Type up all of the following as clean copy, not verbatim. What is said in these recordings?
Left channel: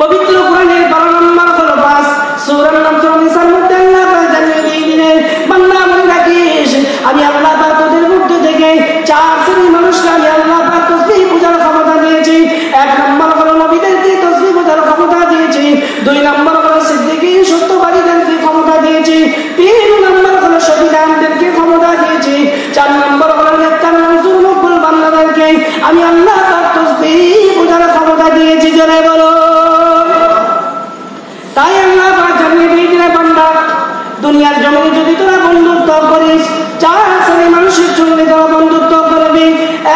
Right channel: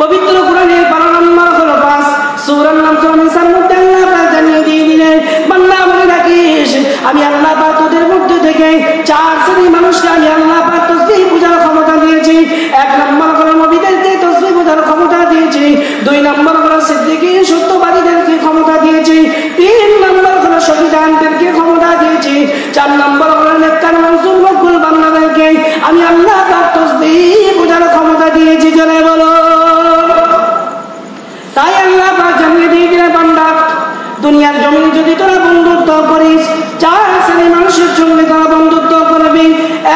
পবিত্র কোরআনের 12 নম্বর হলো 5 সূরা নিসার মধ্যে আল্লাহ পাক জানিয়ে দিলেন, বান্দা বলে রাখিস আমি আল্লাহ পাক তোদের মধ্যে থেকে 4 শ্রেণীর মানুষকে আমি আল্লাহ পাক তাসবিহ পূজার ক্ষমতা দিয়েছি। 1 নম্বর হলো নবীদেরকে তাসবিহ পূজার ক্ষমতা দিয়েছি। 2 নম্বর হলো সিদ্দিকীন সত্যবাদীদেরকে ক্ষমতা দিয়েছি। 3 নম্বর হলো শহীদানদেরকে ক্ষমতা দিয়েছি। 4 নম্বর হলো নেককার মনসুর মকবুল বান্দাদেরকে আমি আল্লাহ পাক তাসবিহ পূজার ক্ষমতা দিয়েছি। জোরে বলো। তাই আল্লাহ পাক জানিয়ে দিয়েছেন, বান্দা দুনিয়ার জমিনে যদি তোরা বন্ধুত্ব করিস 4 শ্রেণীর মানুষের সঙ্গে তোরা বন্ধুত্ব করবি।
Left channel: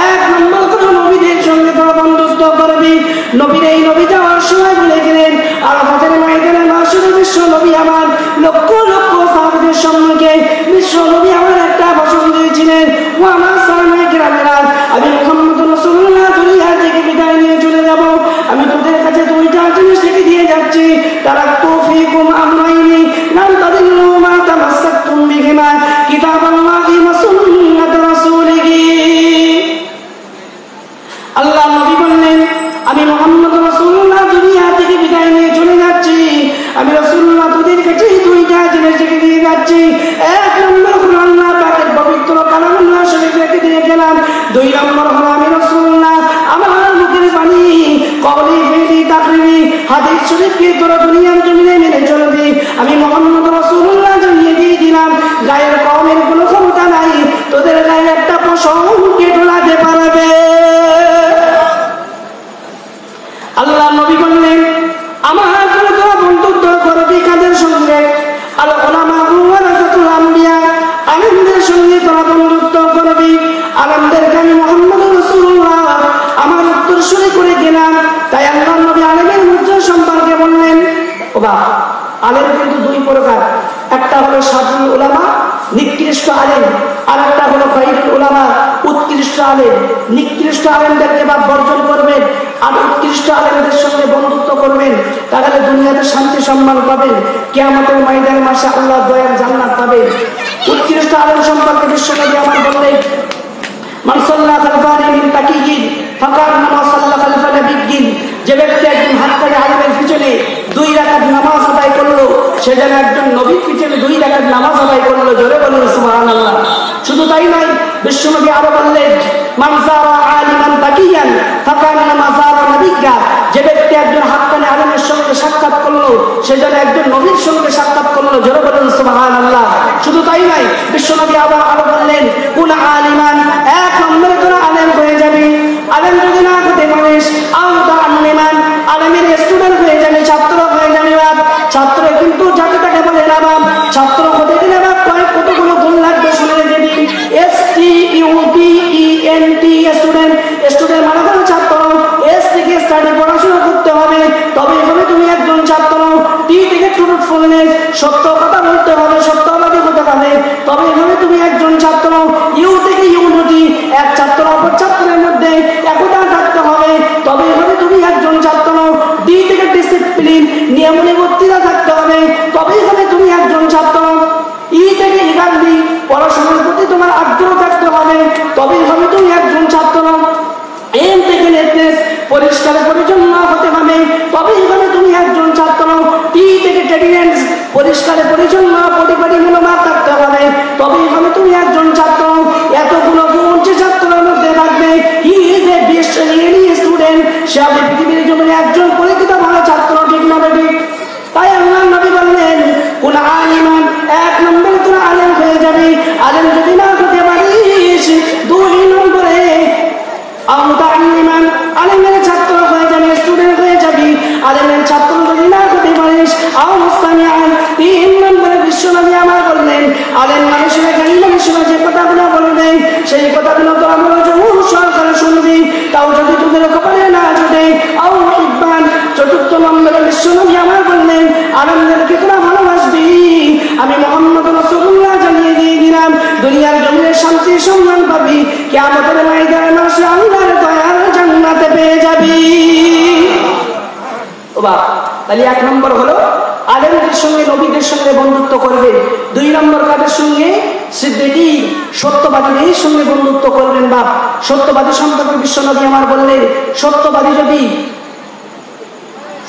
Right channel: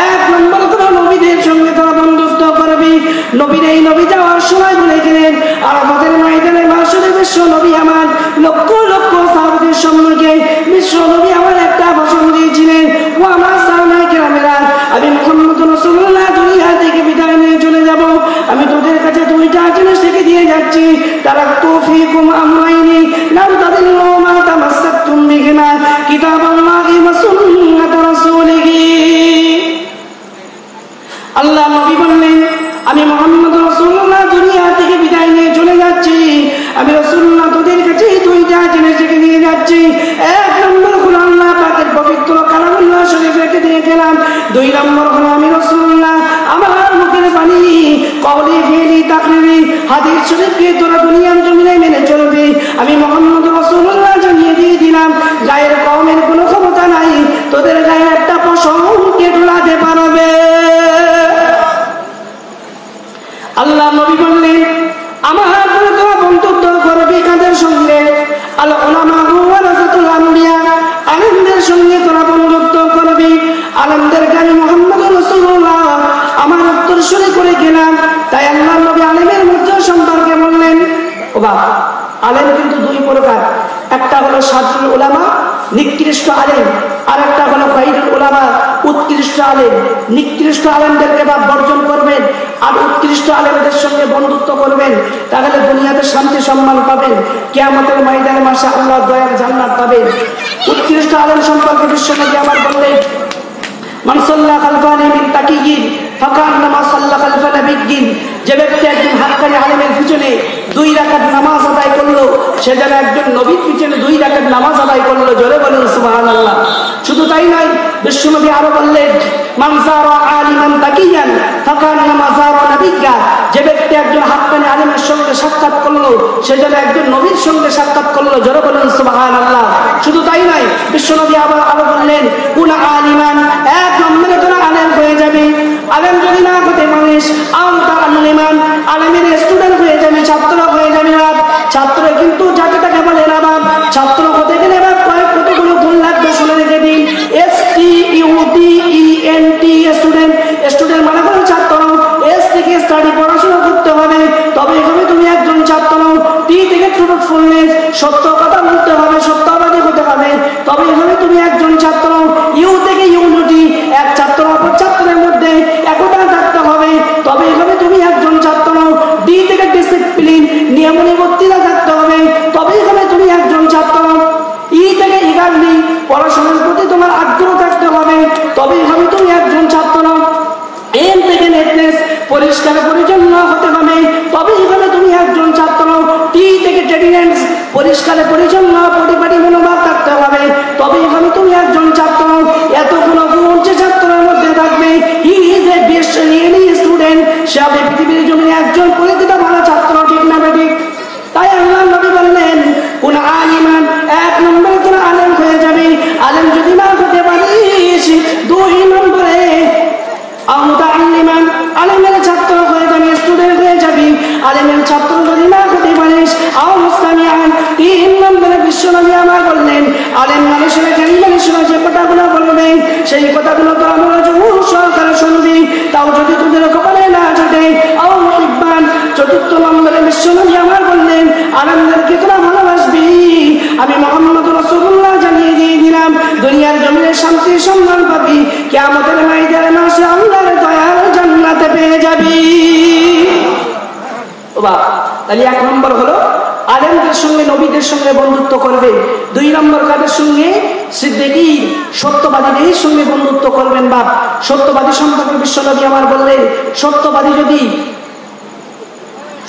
1 নম্বর হলো নবীদের সঙ্গে তোরা বন্ধুত্ব করবি। নবীর এই নবী যাওয়ার সময় বলেছিলেন, আরাফাতের ময়দানে মাসুরে বিশ্ব নবী আমার লক্ষ লক্ষ সাহাবীদের সম্মুখে বিশ্ব নবী আমার একটা ভাষণ দিয়েছিলেন, ও আমার সাহাবায়ে কেরামেরা, আমি মুহাম্মদ রাসূলুল্লাহ দুনিয়া থেকে বিদায় নিয়ে চলে যাব। আমি তোদের কাছে 2টা জিনিস শিখে দিয়ে যাচ্ছি, তারাক্তু ফীকুম আমরাইনি লাম তাদিল্লু মা তামাসসাকতুম বিহিমা কিতাবাল্লাহি ওয়া সুন্নাত রাসূলিহি। আল্লাহ নবী বললেন, আমি মুহাম্মদ রাসূলুল্লাহ দুনিয়া থেকে বিদায় নিয়ে চলে যাচ্ছি। আমি রাসূলুল্লাহ তোদের কাছে 2টা জিনিস শিখে দিয়ে যাচ্ছি। 1 নম্বর হলো আল্লাহ পাকের পবিত্র কালামুল্লাহ শরীফ রেখে দিয়ে গেলাম। 2 নম্বর হলো আমি রাসূলুল্লাহ আমার মুখের বাণী কওলি ফিলি তাকরিরি হাদিস শরীফকে তোরা দুনিয়ার জমিনে মেনে চলবি। আমি মুহাম্মদ রাসূলুল্লাহ জানিয়ে দিয়ে দিলাম, গায়ের কওমের কোনো ক্ষমতা নাই তোদের গায়ে একটা পশম কেটে লাগাতে পারবে। আল্লাহ নবী বললেন, আমার সঙ্গে তোরা বন্ধুত্ব করবি কাদের সঙ্গে? আল উলামা ওয়ারাসাতুল আম্বিয়া, আলেমদের সঙ্গে তোরা বন্ধুত্ব করবি। আলেমদেরকে আমি মুহাম্মদ রাসূলুল্লাহ আমার উত্তরসূরি করে গেলাম। তাই আল্লাহ নবী আলেমের মধ্যে সম্পর্কে বললেন, ও বাবা, আলেম কিন্তু 2 প্রকার, একটা হলো সাদুল উলামা নিকৃষ্ট আলেম, আর একটা হলো খায়রুল উলামা উৎকৃষ্ট আলেম। নিকৃষ্ট আলেমদেরকে বাদ বর্জন করবেন আর উৎকৃষ্ট আলেমদের সঙ্গে বন্ধুত্ব করবেন, তাহলে দুনিয়াতে শান্তি সম্মান পাবেন, কিয়ামতের ময়দানে মাশাআল্লাহ দয়ার জান্নাত পাবেন। উৎকৃষ্ট আলেম সম্পর্কে বিশ্বনবী আমার বললেন, মান সাল্লা খালফানি মিন তাকিয়িন ফাকান্নামা সাল্লা খালফা নাবিয়্যিন। যে ব্যক্তি একজন হাক্কানি আলেমের পিছনে 2 রাকাত নামাজ আদায় করলো, সে যেন একজন নবীর পিছনে 2 রাকাত নামাজ আদায় করলো। জোরে বলুন সুবহানাল্লাহ। শুধু তাই নয়, বিশ্বনবী আরো বললেন, মান যারা আলিমান তাকিয়ান ফাকান্নামা যারা নাবিয়্যা। যে ব্যক্তি একজন হাক্কানি আলেমের সঙ্গে সাক্ষাৎ করলো, সে যেন একজন নবীর সঙ্গে সাক্ষাৎ করলো। জোরে বলুন সুবহানাল্লাহ। শুধু তাই নয়, বিশ্বনবী আরো বললেন, কুন আলিমান, 1 নম্বরে তোরা আলেম হয়ে যাবে। আলেম যদি না হতে পারিস, আলিমান, আলেমের স্টুডেন্ট হয়ে যাবে, ছাত্র হয়ে যাবে। ছাত্র কিন্তু যাকে তাকে বলে না বাপ, ছাত্র হতে গেলে বাপ কতগুলো গুণ লাগবে শুনে রেখে দিন। STUDENT, student. স্টুডেন্ট মানে হলো ছাত্র। S থেকে স্টাডি, পড়াশোনা করতে হবে, তবে এভাবে তুমি একজন ছাত্র। T থেকে ট্রুথফুলনেস, সত্য কথা বলতে হবে, সত্যবাদী হতে হবে, তবে এভাবে তুমি একজন ছাত্র। U থেকে ইউনিটি, এক ছাত্র অপর ছাত্রের মধ্যে একতা থাকতে হবে, তবে এভাবে তুমি একজন ছাত্র। D থেকে ডিসিপ্লিন, নিয়মানুবর্তিতা থাকতে হবে, তবে এভাবে তুমি একজন ছাত্র। E থেকে ইগারলি, পড়াশোনার প্রতি তোমার আগ্রহ থাকতে হবে, তবে এভাবে তুমি একজন ছাত্র। M থেকে নেটনেস, পরিষ্কার পরিচ্ছন্ন হতে হবে, তবে এভাবে তুমি একজন ছাত্র। T থেকে টেডিনেস, পরিষ্কার পরিচ্ছন্ন পরিপাটি মনোভাব থাকতে হবে, তবে এভাবে তুমি একজন ছাত্র। এতগুলো গুণ যে ছাত্রের মধ্যে থাকবে, he is a best student, সে হবে পৃথিবীর জন্য একজন পরিচিত ভালো ছাত্র। ঠিক না ঠিক? তাই আল্লাহ নবী বললেন, কোন আলিমান, 1 নম্বরে তোরা আলেম হয়ে যাবে। আলেম যদি না হতে পারিস, 2 নম্বরে আলেমের ছাত্র হয়ে যাবে, স্টুডেন্ট হয়ে যাবি। আলেমের ছাত্র যদি না হতে পারিস, 3 নম্বরে বিশ্বনবী আমার বললেন, আলেম মানুষেরা জ্ঞানী মানুষেরা যে কথাগুলো বলবে, সেই কথাগুলো তো আমরা সরকার শুনবি, তাও যদি তোদের কপালে না জোটে। 4 নম্বরে বিশ্বনবী আমার বললেন, আলেমদেরকে তোরা ভালোবাসবি। আমি মুহাম্মদ রাসূলুল্লাহ জানিয়ে দিয়ে দিলাম, দুনিয়ার জমিনে শান্তি সম্মান পাবি, কিয়ামতের ময়দানে মাসে আল্লাহর দয়ার জান্নাতে পেয়ে যাবি। তাহলে 1 নম্বর হলো আলেমদের সঙ্গে নবীদের সঙ্গে বন্ধুত্ব করবে। 2 নম্বর কাদের সঙ্গে? সিদ্দিকীন সত্যবাদীদের সঙ্গে বন্ধুত্ব করবেন। বাপ, সত্যবাদী সম্পর্কে বিশ্বনবী আমার বললেন, সত্যবাদী যদি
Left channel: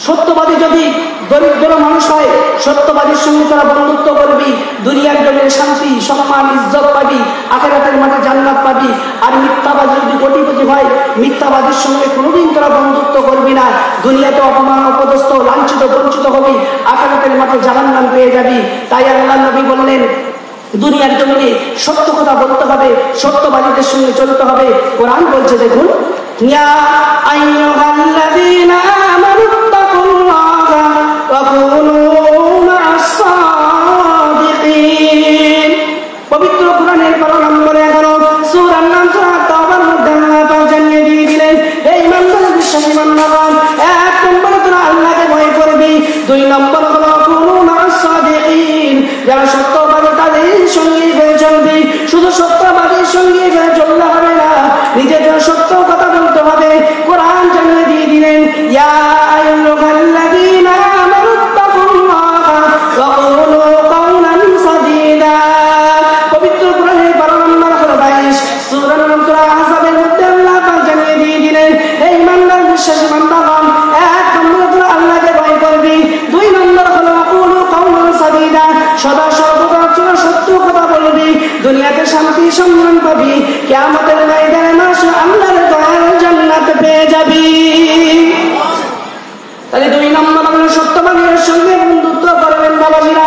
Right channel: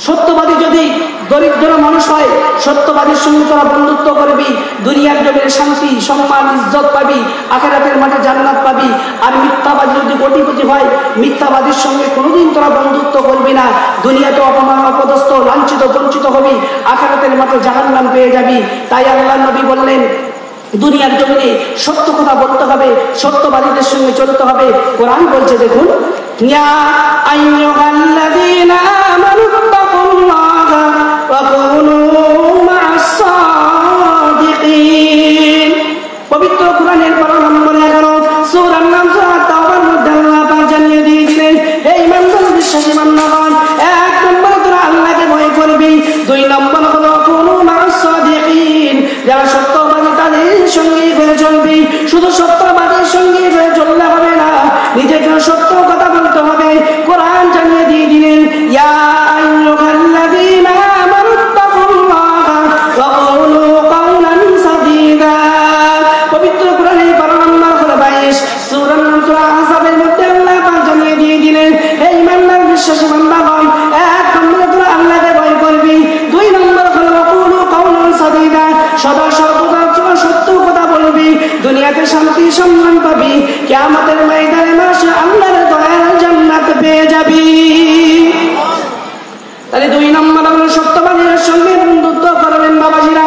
সত্যবাদী যদি দরিদ্র মানুষ হয়, সত্যবাদীর সঙ্গে তোরা বন্ধুত্ব করবি, দুনিয়ার জমিনে শান্তি, সম্মান, ইজ্জত পাবি, আখিরাতের মাঠে জান্নাত পাবি। আর মিথ্যাবাদী যদি কোটিপতি হয়, মিথ্যাবাদীর সঙ্গে কোনোদিন তোরা বন্ধুত্ব করবি না, দুনিয়াতে অপমান, অপদস্থ, লাঞ্ছিত, বঞ্চিত হবি, আখিরাতের মাঠে জাহান্নাম পেয়ে যাবি। তাই আল্লাহর নবী বললেন, দুনিয়ার জমিনে সত্য কথা বলতে হবে, সত্যবাদীদের সঙ্গে চলতে হবে। কোরআন বলছে, দেখুন, ইয়া আইয়ুহাল্লাযীনা আমানুত্তাকুল্লাহা ওয়া কুনু মা'আস সাদিকিন। পবিত্র কোরআনের 12 নম্বর 11 সূরা নাম সূরা তাওবার মধ্যে আল্লাহ পাক জানিয়ে দিয়েছিলেন, হে ঈমানদার, বিশ্বাসী বান্দাগণ, 1 নম্বর তোরা আল্লাহকে ভয় করবি, 2 নম্বর হলো কুনু মা'আস সাদিকিন, যারা সত্যবাদী তাদের সঙ্গে হয়ে চলবি। শুধু সত্যবাদীর সঙ্গে হয়ে চললে হবে না, নিজেকে সত্য কথা বলতে হবে। কোরআন জানিয়ে দিয়ে দিলেন, ইয়া আইয়ুহাল্লাযীনা আমানুত্তাকুল্লাহা ওয়া কুলু কাওলান সাদীদা। পবিত্র কোরআনের 12 নম্বর সূরা 22 সূরা আহজাবের মধ্যে আল্লাহ পাক জানিয়ে দিয়ে দিলেন, হে ঈমানদার, বিশ্বাসী বান্দাগণ, 1 নম্বর তোরা আল্লাহকে ভয় করবি, 2 নম্বর হলো কুলু কাওলান সাদীদা, সদা সর্বদা সত্য কথা বলবি, দুনিয়াতে শান্তি, সম্মান পাবি, কিয়ামতের ময়দানে মাসে আল্লাহর দয়ার জান্নাত পেয়ে যাবি। তাহলে 2 নম্বর হলো সত্যবাদীর সঙ্গে বন্ধুত্ব করবেন বাবাজিরা।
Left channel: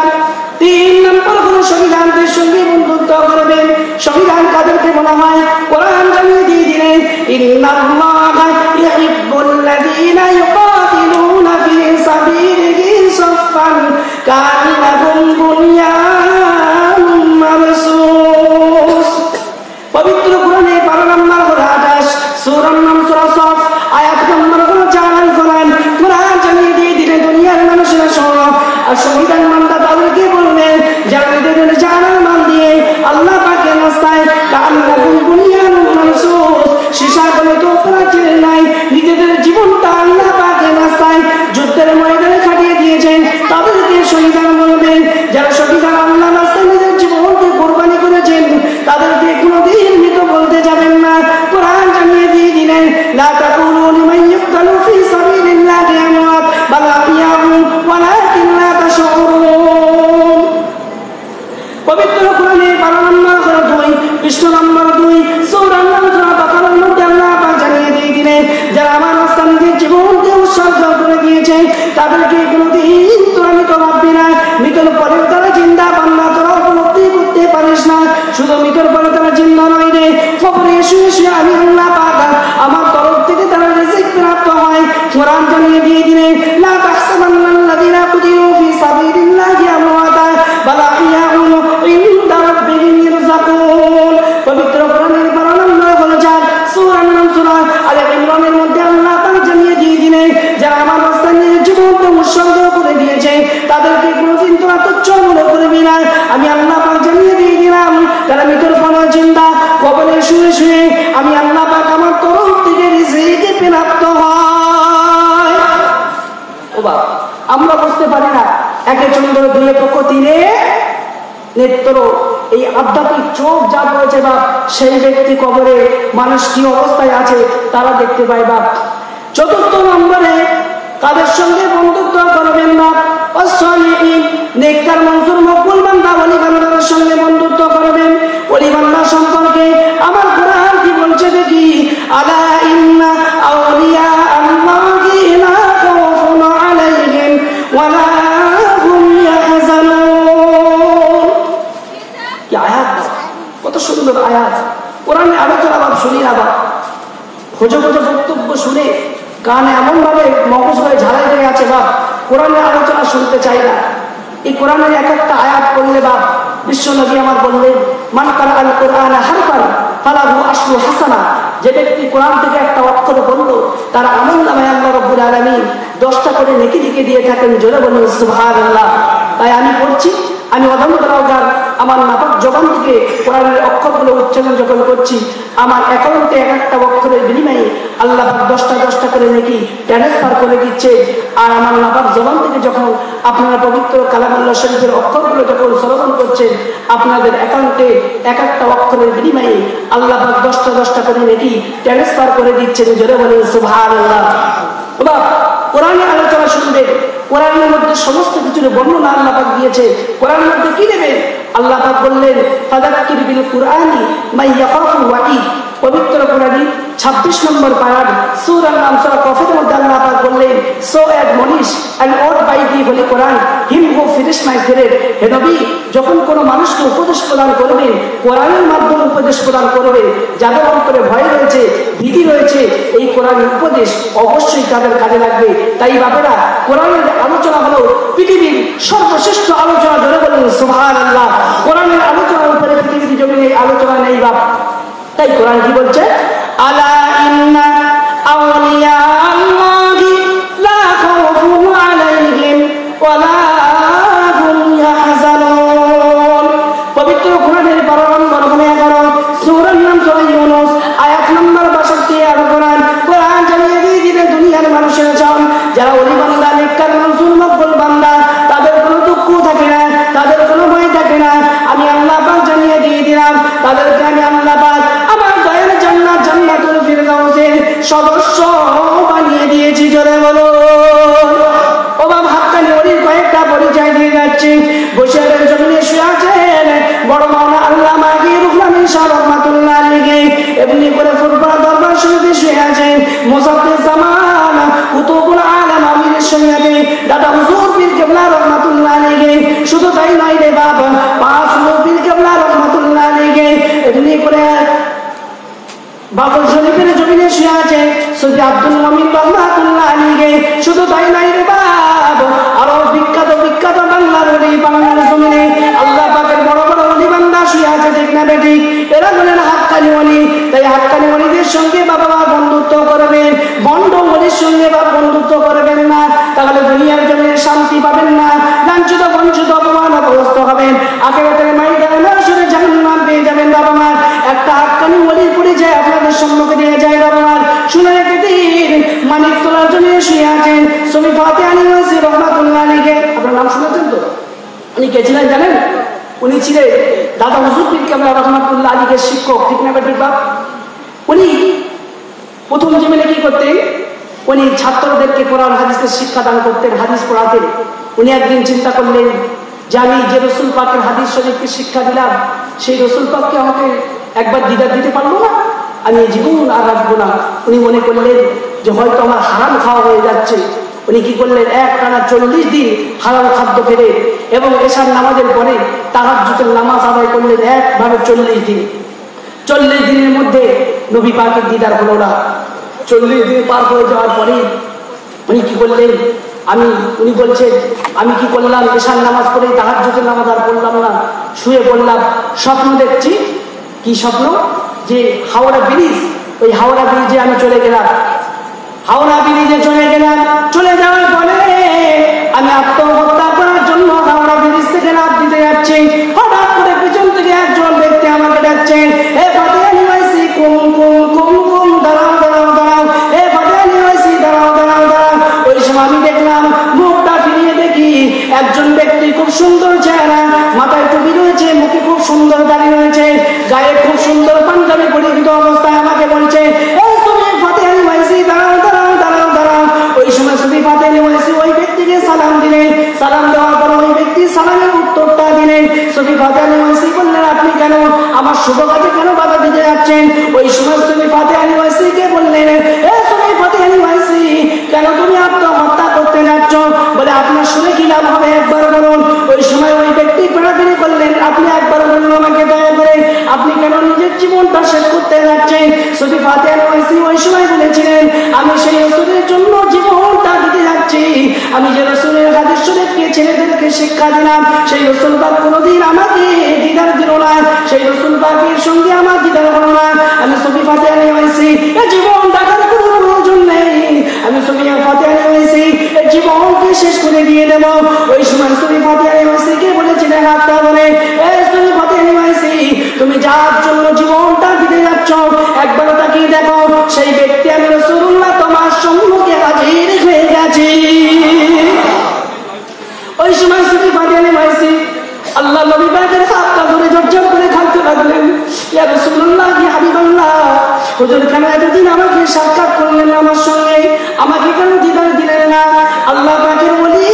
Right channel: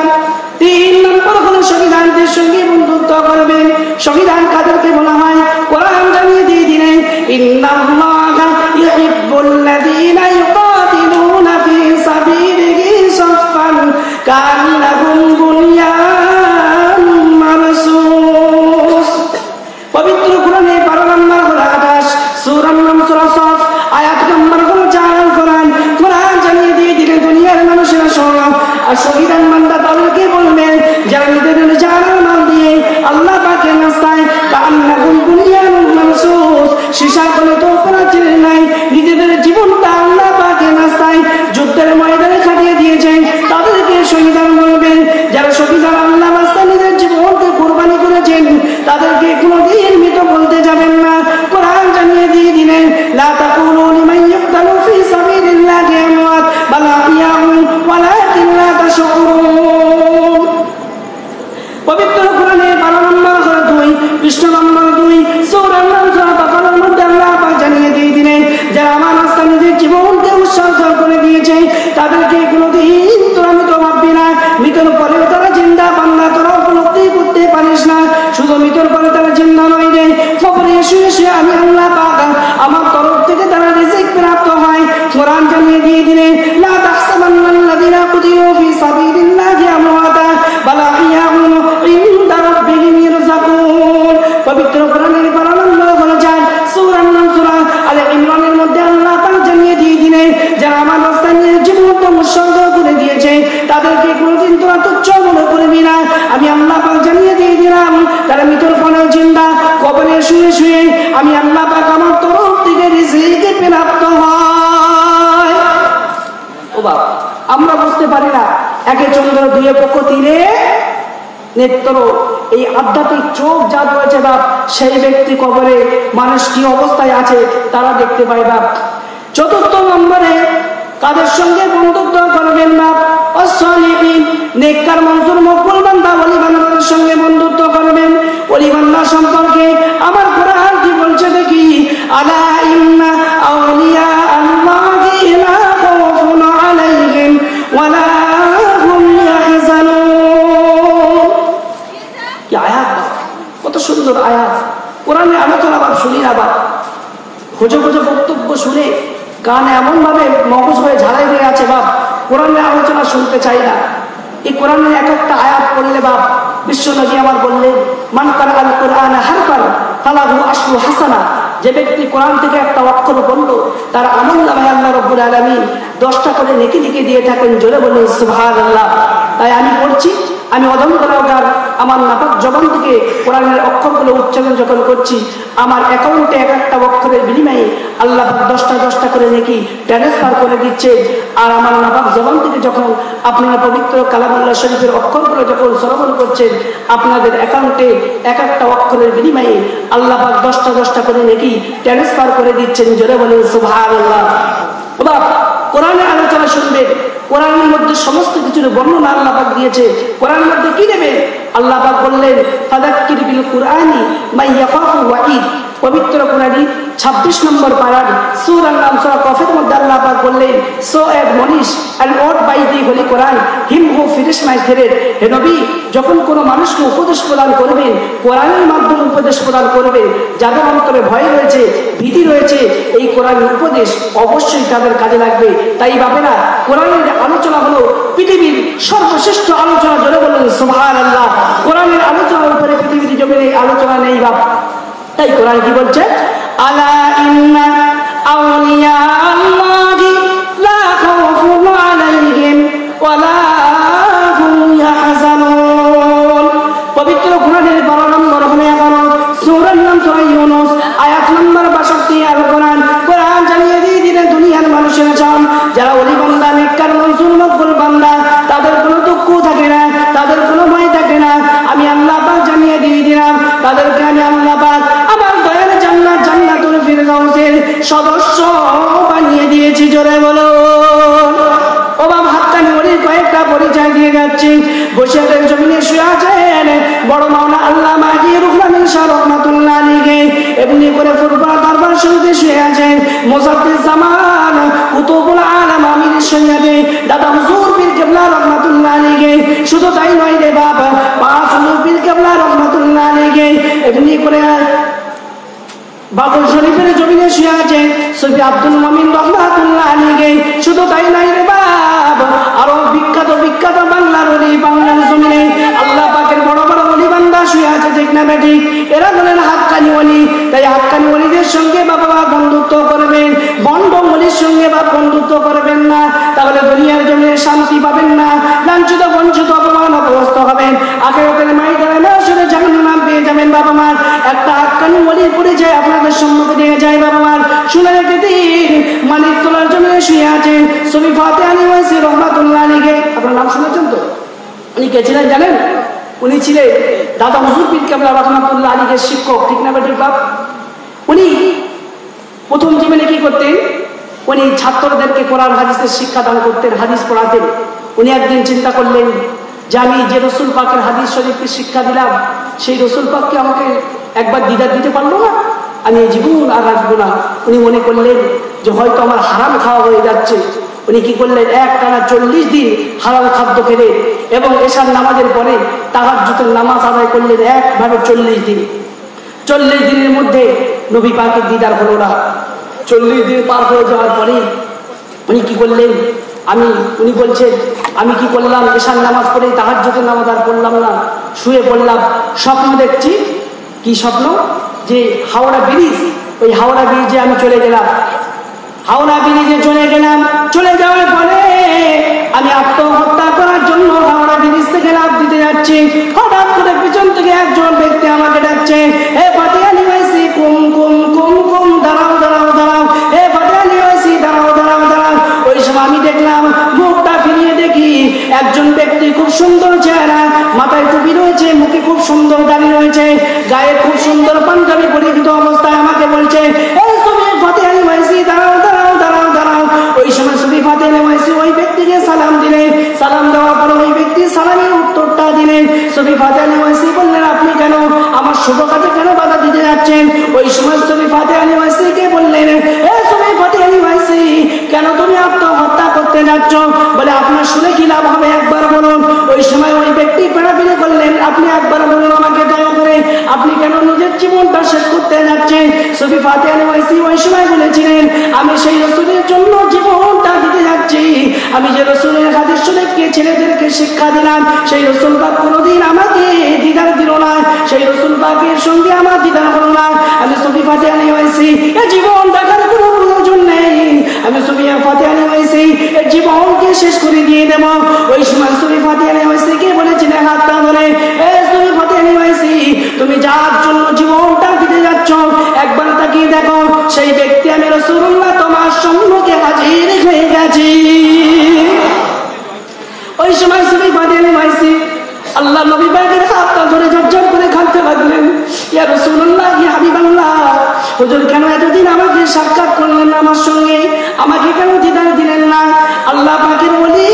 3 নম্বর হলো সংবিধানদের সঙ্গে বন্ধুত্ব করবেন। সংবিধান কাদেরকে বলা হয়? কোরআন জানিয়ে দিয়ে দিলেন, ইন্নাল্লাহা ইউহিব্বুল্লাযীনা ইউকাতিলুনা ফী সাবিলিহি সাফফান কাআন্নাহুম বুনয়ানুম মারসুস। পবিত্র কোরআনে 12 নম্বর 28 সূরা নাম সূরা সাফ আয়াত নম্বর 4 কোরআন জানিয়ে দিয়ে দিলেন, দুনিয়ার মানুষেরা শোনো, আর সংবিধান মানবা তাদেরকে বলবেন যারা নিজেদের জান মাল দিয়ে আল্লাহ পাকের রাস্তায় কাআন্নাহুম বুনয়ানুম মারসুস, সীসাগলিত প্রাচীর নাই, নিজেদের জীবনটা আল্লাহ পাকের রাস্তায় যুদ্ধের ময়দানে কাটিয়ে দিয়েছেন, তাদেরকে সংবিধান বলবেন। যারা সংবিধান আল্লাহ রাস্তায় নিজের জীবনকে কুরবানি করেছেন, তাদেরকে কোনোদিন মৃত বলতে যাবেন না। কোরআন জানিয়ে দিয়ে দিলেন, লা তাকুনু লিমান ইউকতালু ফী সাবিলিল্লাহি আমওয়াত বাল আহইয়াউন ওয়ালাকিন লা তাশউরুন। পবিত্র কোরআনের 12 নম্বর 2 পৃষ্ঠা নম্বর 2 সূরা নাম সূরা বাকারার মধ্যে আল্লাহ পাক জানিয়ে দিয়ে দিলেন, যারা আমার রাস্তায় নিজের জীবনকে উৎসর্গ করে দিয়েছে, তাদেরকে কোনোদিন তোরা মৃত ভাববি না। মৃতের পরে তারা জিন্দা, বান্দা তোরা উপলব্ধি করতে পারিস না। শুধু মৃতের পরে তারা জিন্দা নয় রে, কবরে শুয়ে শুয়ে আমি আল্লাহ পাক আমার তরফ থেকে তারা রিজিক প্রাপ্ত হয়। কোরআন জানিয়ে দিয়ে দিলেন, লা তাহসাবান্নাল্লাযীনা কুতিলু ফী সাবিলিল্লাহি আমওয়াতা বাল আহইয়াউন ইনদা রাব্বিহিম ইরযাকুন। পবিত্র কোরআনের 12 নম্বর হলো সূরা নাম সূরা আলে ইমরানের মধ্যে আল্লাহ পাক জানিয়ে দিয়ে দিলেন, যারা আমার রাস্তায় নিজের জীবনকে উৎসর্গ করে দিয়েছে, তাদেরকে কোনোদিন তোরা তুচ্ছ মনে করবি না। আমি আল্লাহ পাক জানিয়ে দিয়ে দিলাম, তারা মৃতের পর জিন্দা, কবরে শুয়ে শুয়ে আমি আল্লাহ পাক আমার তরফ থেকে রিজিক প্রাপ্ত হয়। ও বাবা, আমরা বুঝতে পারি না, একে চন্দ্র, 2 পক্ষ, 3 নেত্র, এই আধ্যাত্মিক চোখ যা রয়েছে বাপ, সেই ব্যক্তি কবরে মানুষ কি অবস্থায় আছে তারা দেখতে পায় বাপ। 4 নম্বরে তাদের সঙ্গে বন্ধুত্ব করবেন বাপ, অসলিহিন, নেককার মানুষের মকবুল বান্দা ওলিগণের সঙ্গে বন্ধুত্ব করবেন। ওলিগণ সম্পর্কে আমার কোরআন কি বলছে দেখি, আলা ইন্না আউলিয়া আল্লাহি লা খাউফুন আলাইহিম ওয়া লা হুম ইয়াহজানুন। কি আয়াত, কত সুন্দর আয়াত। কোরআনের আলোচনা বাপ শুনি না বাপ, খোঁজে খোঁজে বক্তব্য শুনে কানে এমন ভাবে মগজ হয়ে ঝালাই দিয়ে আছে বাপ, কোরআনের আলোচনা শুনতে চাই না। এই কোরআনের এক একটা আয়াত পড়লে বাপ, বিশ্বনবী আমার বললেন, মান কারা আল কোরআন হারফান ফালাহু আশরু হাসানা, যে ব্যক্তি কোরআন থেকে একটা অক্ষর বলল, তার আমলনামায় আল্লাহ রাব্বুল আলামিন 10টা করে নেকি লিখে দিয়ে থাকেন। জোরে বলুন সুবহানাল্লাহ। তাই আমি পড়ছি, আমি অদম্বরাগার আমার নাটক জবান থেকে কোরআনের অক্ষরগুলো উচ্চারণ যখন করছি, আমার অ্যাকাউন্টে এক একটা অক্ষরের বিনিময়ে আল্লাহ 10টা করে নেকি ট্রান্সফার করে দিচ্ছে। আর আমার নাটক জবান থেকে যখন আপনারা পবিত্র কালামুল্লাহ শরীফের অক্ষরগুলো যখন শ্রবণ করছেন, আপনাদের অ্যাকাউন্টে এক একটা অক্ষরের বিনিময়ে আল্লাহ 10টা করে নেকি ট্রান্সফার করে দিচ্ছেন। জোরে বলেন সুবহানাল্লাহ। কোরআনের আলোচনা শুনবেন, কোরআনের মধ্যে সমস্ত কিছুর বর্ণনা আল্লাহ পাক দিয়েছে। কোরআনের মধ্যে কি নেবেন? আল্লাহ পাক বললেন ফাযাক্কির বিল কুরআনি মান ইয়াখাফু ওয়াঈদ। পবিত্র কোরআনে 26 নম্বর পারার সূরার নাম সূরা কফের মধ্যে আল্লাহ পাক বললেন so admonish and what by the holy Quran him who finish my threat. হে নবী, যখন কোনো মানুষকে উপদেশ প্রদান করবে, কোরআনের মাধ্যমে উপদেশ প্রদান করবে, যাদের অন্তরে ভয় রয়েছে, ভীতি রয়েছে, এই কোরআনের উপদেশ অবশ্যই তাদের কাজে লাগবে। তাই বাপেরা, কোরআনের আলোচনা হলো পৃথিবীর সর্বশ্রেষ্ঠ আলোচনা। জোরে বলুন সুবহানাল্লাহ। কোরআনের আলোচনার উপরে পৃথিবীর জমিনে আলোচনা নেই বাপ। তাই কোরআন কি বলছে? আলা ইন্না আউলিয়া আল্লাহি লা খাউফুন আলাইহিম ওয়া লা হুম ইয়াহজানুন। পবিত্র কোরআনের 12 নম্বর 11 সূরার নাম সূরা ইউনূস আয়াত নম্বর 62 আর কোরআন জানিয়ে দিয়ে দুনিয়ার মানুষের চান যারা ওলি বান্দা, নেককার মনসুর মকবুল বান্দা, তাদের কোনো দুঃখ থাকে না, তাদের কোনো ভয় থাকে না। আমি আল্লাহ পাক জানিয়ে দিয়ে দিলাম, তাদেরকে আমি আল্লাহ পাক আমার দয়ার জান্নাত জান্নাতুল ফিরদাউসের সদস্য বানিয়ে দিয়েছি। জোরে বলো ও বাবা। হাক্কানি ওলির কয়েকটা পরিচয় দিয়ে যাচ্ছি। বসিরহাটের জমিনে শুয়ে আছেন বড় মাওলানা আল্লামা রুহুল আমিন শাহ রাহমাতুল্লাহ আলাইহি। এমনি করে ফুরফুরা দরবার শরীফে শুয়ে আছেন মুজাদ্দিদ জামান কুতুবুল আলাম আমিরের সঙ্গে দাদা হুজুর পীর কেবলা রাহমাতুল্লাহ আলাইহি। শুধু তাই নয় রে বাবা, পাঁচ হুজুর পীর কেবলা রাহমাতুল্লাহ আলাইহি। এমনি করে বাবুল শরীফের জমিনে শুয়ে আছে সৈয়দ আব্দুল মুমিন রাহমাতুল্লাহ আলাইহি। শুধু তাই নয় রে বাবা, আরো বিখ্যাত বিখ্যাত বাংলার ওলি, বাংলার জমিনে আল্লাহ পাকের বড় বড় ওলি বান্দা শুয়ে আছে, ঠিক না বেঠিক? এরা হলেন হাক্কানি ওলি। তাই হাক্কানি ওলিদের সঙ্গে বাবা বন্ধুত্ব করবেন, বন্ড ওলির সঙ্গে বা বন্ধুত্ব করবেন না, তাহলে দুনিয়ার জমিনে শান্তি পাবেন না, লাঞ্ছিত বঞ্চিত অপমানগ্রস্ত হবেন, আখিরাতের ময়দানে আসলে জাহান্নাম পেয়ে যাবেন। বাবা মা, একটা হাক্কানি ওলির পরিচয় আপনাদের সম্মুখে দিয়ে যায়। বাবা মা শুনে রেখে দিন, মানিকতলার জমিনে শুয়ে আছেন শরীফ ফাতেহ আলী ওয়াসি রাহমাতুল্লাহ আলাইহি। আপনার নাম শুনেছেন তো? উনি কে ছিলেন জানেন? উনি ছিলেন দাদা হুজুর পীর কেবলা রাহমাতুল্লাহ আলাইহির শিক্ষক, ঠিক না বেঠিক বাপ? উনি প্রথম জীবনে কি করতেন? উনি ছাত্রদেরকে কোরআন হাদিসের শিক্ষা দান করতেন, হাদিস পড়াতেন। উনি একদিন চিন্তা করলেন যে আমি যে রসুল পাকের হাদিস শরীফকে শিক্ষা দিলাম, সেই রসুল পাককে আমাকে একবার দিদার দিতে পারবো না, আমি জীবন আর রাখবো না। উনি মনে করলেন যে হয়তো আমার হারাম খাওয়া হয়ে যাচ্ছে। উনি কি করলেন? একটানা 40 দিন হারাম খাদ্য খেলে এবং এশার নামাজের পরে তাহাজ্জুদের নামাজ আদায় করলেন একভাবে 40 দিন। 40 দিনের মধ্যে নবী পাকের দিদার হলো না। 40 দিন পার হয়ে যাওয়ার পরে উনি কি করলেন? উনি বলছেন আমি কি করলাম? এশার নামাজ পড়ে তাহাজ্জুদের নামাজ আর পড়লাম না, শুয়ে পড়লাম। স্বপ্ন দেখছি। কি স্বপ্ন? যে হাওড়া ব্রিজ, ওই হাওড়া ব্রিজে আমি চলে গেলাম। হাওড়া ব্রিজে চলে গেলাম। চলে যাওয়ার পরে আমি আত্মহত্যা করার জন্য হাওড়া ব্রিজ থেকে লাফ দিতে যাচ্ছি। হঠাৎ করে পিছন থেকে একজন ব্যক্তি আমাকে ডাকছে, হে ফাতেহ আলী ওয়াইসি, কুম কুম কুম কুম, দাঁড়াও দাঁড়াও দাঁড়াও, হে ফাতেহ আলী ওয়াইসি, দাঁড়াও দাঁড়াও দাঁড়াও। ওই সময় আমি দেখলাম, মুখটা ফিরিয়ে দেখি একজন ব্যক্তি, খুব সুন্দর চেহারা, মাথায় টুপি রয়েছে, মুখে খুব সুন্দর দাড়ি রয়েছে, গায়ে খুব সুন্দর পাঞ্জাবি পরিহিত অবস্থায় আমাকে বলছে, ফাতেহ আলী ওয়াইসি, দাঁড়াও দাঁড়াও দাঁড়াও দাঁড়াও। ওই সময় শুধু ফাতেহ আলী ওয়াইসি ওই ব্যক্তিকে সালাম দিলেন। সালাম দেওয়ার পরে ওই ব্যক্তি সালামের উত্তরটা দিলেন। শুধু ফাতেহ আলী ওয়াইসি বললেন, আপনি কেন আমার শুভ কাজে কেন বাধা দিতে যাচ্ছেন? ওই সময় শুধু ফাতেহ আলী ওয়াইসিকে বললেন, শুধু ফাতেহ আলী ওয়াইসি, কেন তুমি আত্মহত্যা করতে যাচ্ছ? বলে, আপনার শুনে কি লাভ হবে, একবার বলুন। ওই সময় ওই ব্যক্তি ফেরাফিরে বললেন, আপনি একবার বলুন আমাকে দয়া করে, আপনি কেন নিজের জীবনটা শেষ করতে যাচ্ছেন? শুধু ফাতেহ আলী ওয়াইসি ওই সময় বলেছিলেন, আমি সেই রাসূলের জন্য জীবনটা দিতে যাচ্ছি। আমি যে রাসূলের হাদিস শরীফকে ছেলেদেরকে শিক্ষা দিলাম, সেই রাসূল পাক কোনোদিন আমাকে দিদার দিল না, সেই রাসূল পাকের সঙ্গে আমার দিদার হলো না। আমি শুধু ফাতেহ আলী ওয়াইসি জীবন দেখার কোনো প্রয়োজন নেই। আমি শুধু ফাতেহ আলী ওয়াইসি জীবনকে শেষ করে দিয়ে দেব। ওই সময় শুধু ফাতেহ আলী ওয়াইসিকে বলেছিলেন, হাতটা বলে, শুধু ফাতেহ আলী ওয়াইসি, তুমি যার জন্য জীবনটা দিতে যাচ্ছ একবার তাকিয়ে দেখো, সেই ব্যক্তি আমি রাসূলুল্লাহ তোমার সম্মুখে হাজির হয়ে গেছি। ওই সময় শুধু ফাতেহ আলী ওয়াইসি আল্লাহ নবী পাকের হাতটা ধরে ঝরঝর করে খালতে লাগলেন, ইয়া রাসূলুল্লাহ, ইয়া হাবিবাল্লাহ, হুজুর কেন এতদিন আমাকে সাক্ষাৎ করলেন না আমার সঙ্গে? আমাকে কেন দিদার দিলেন না? আল্লাহ পাকের বলি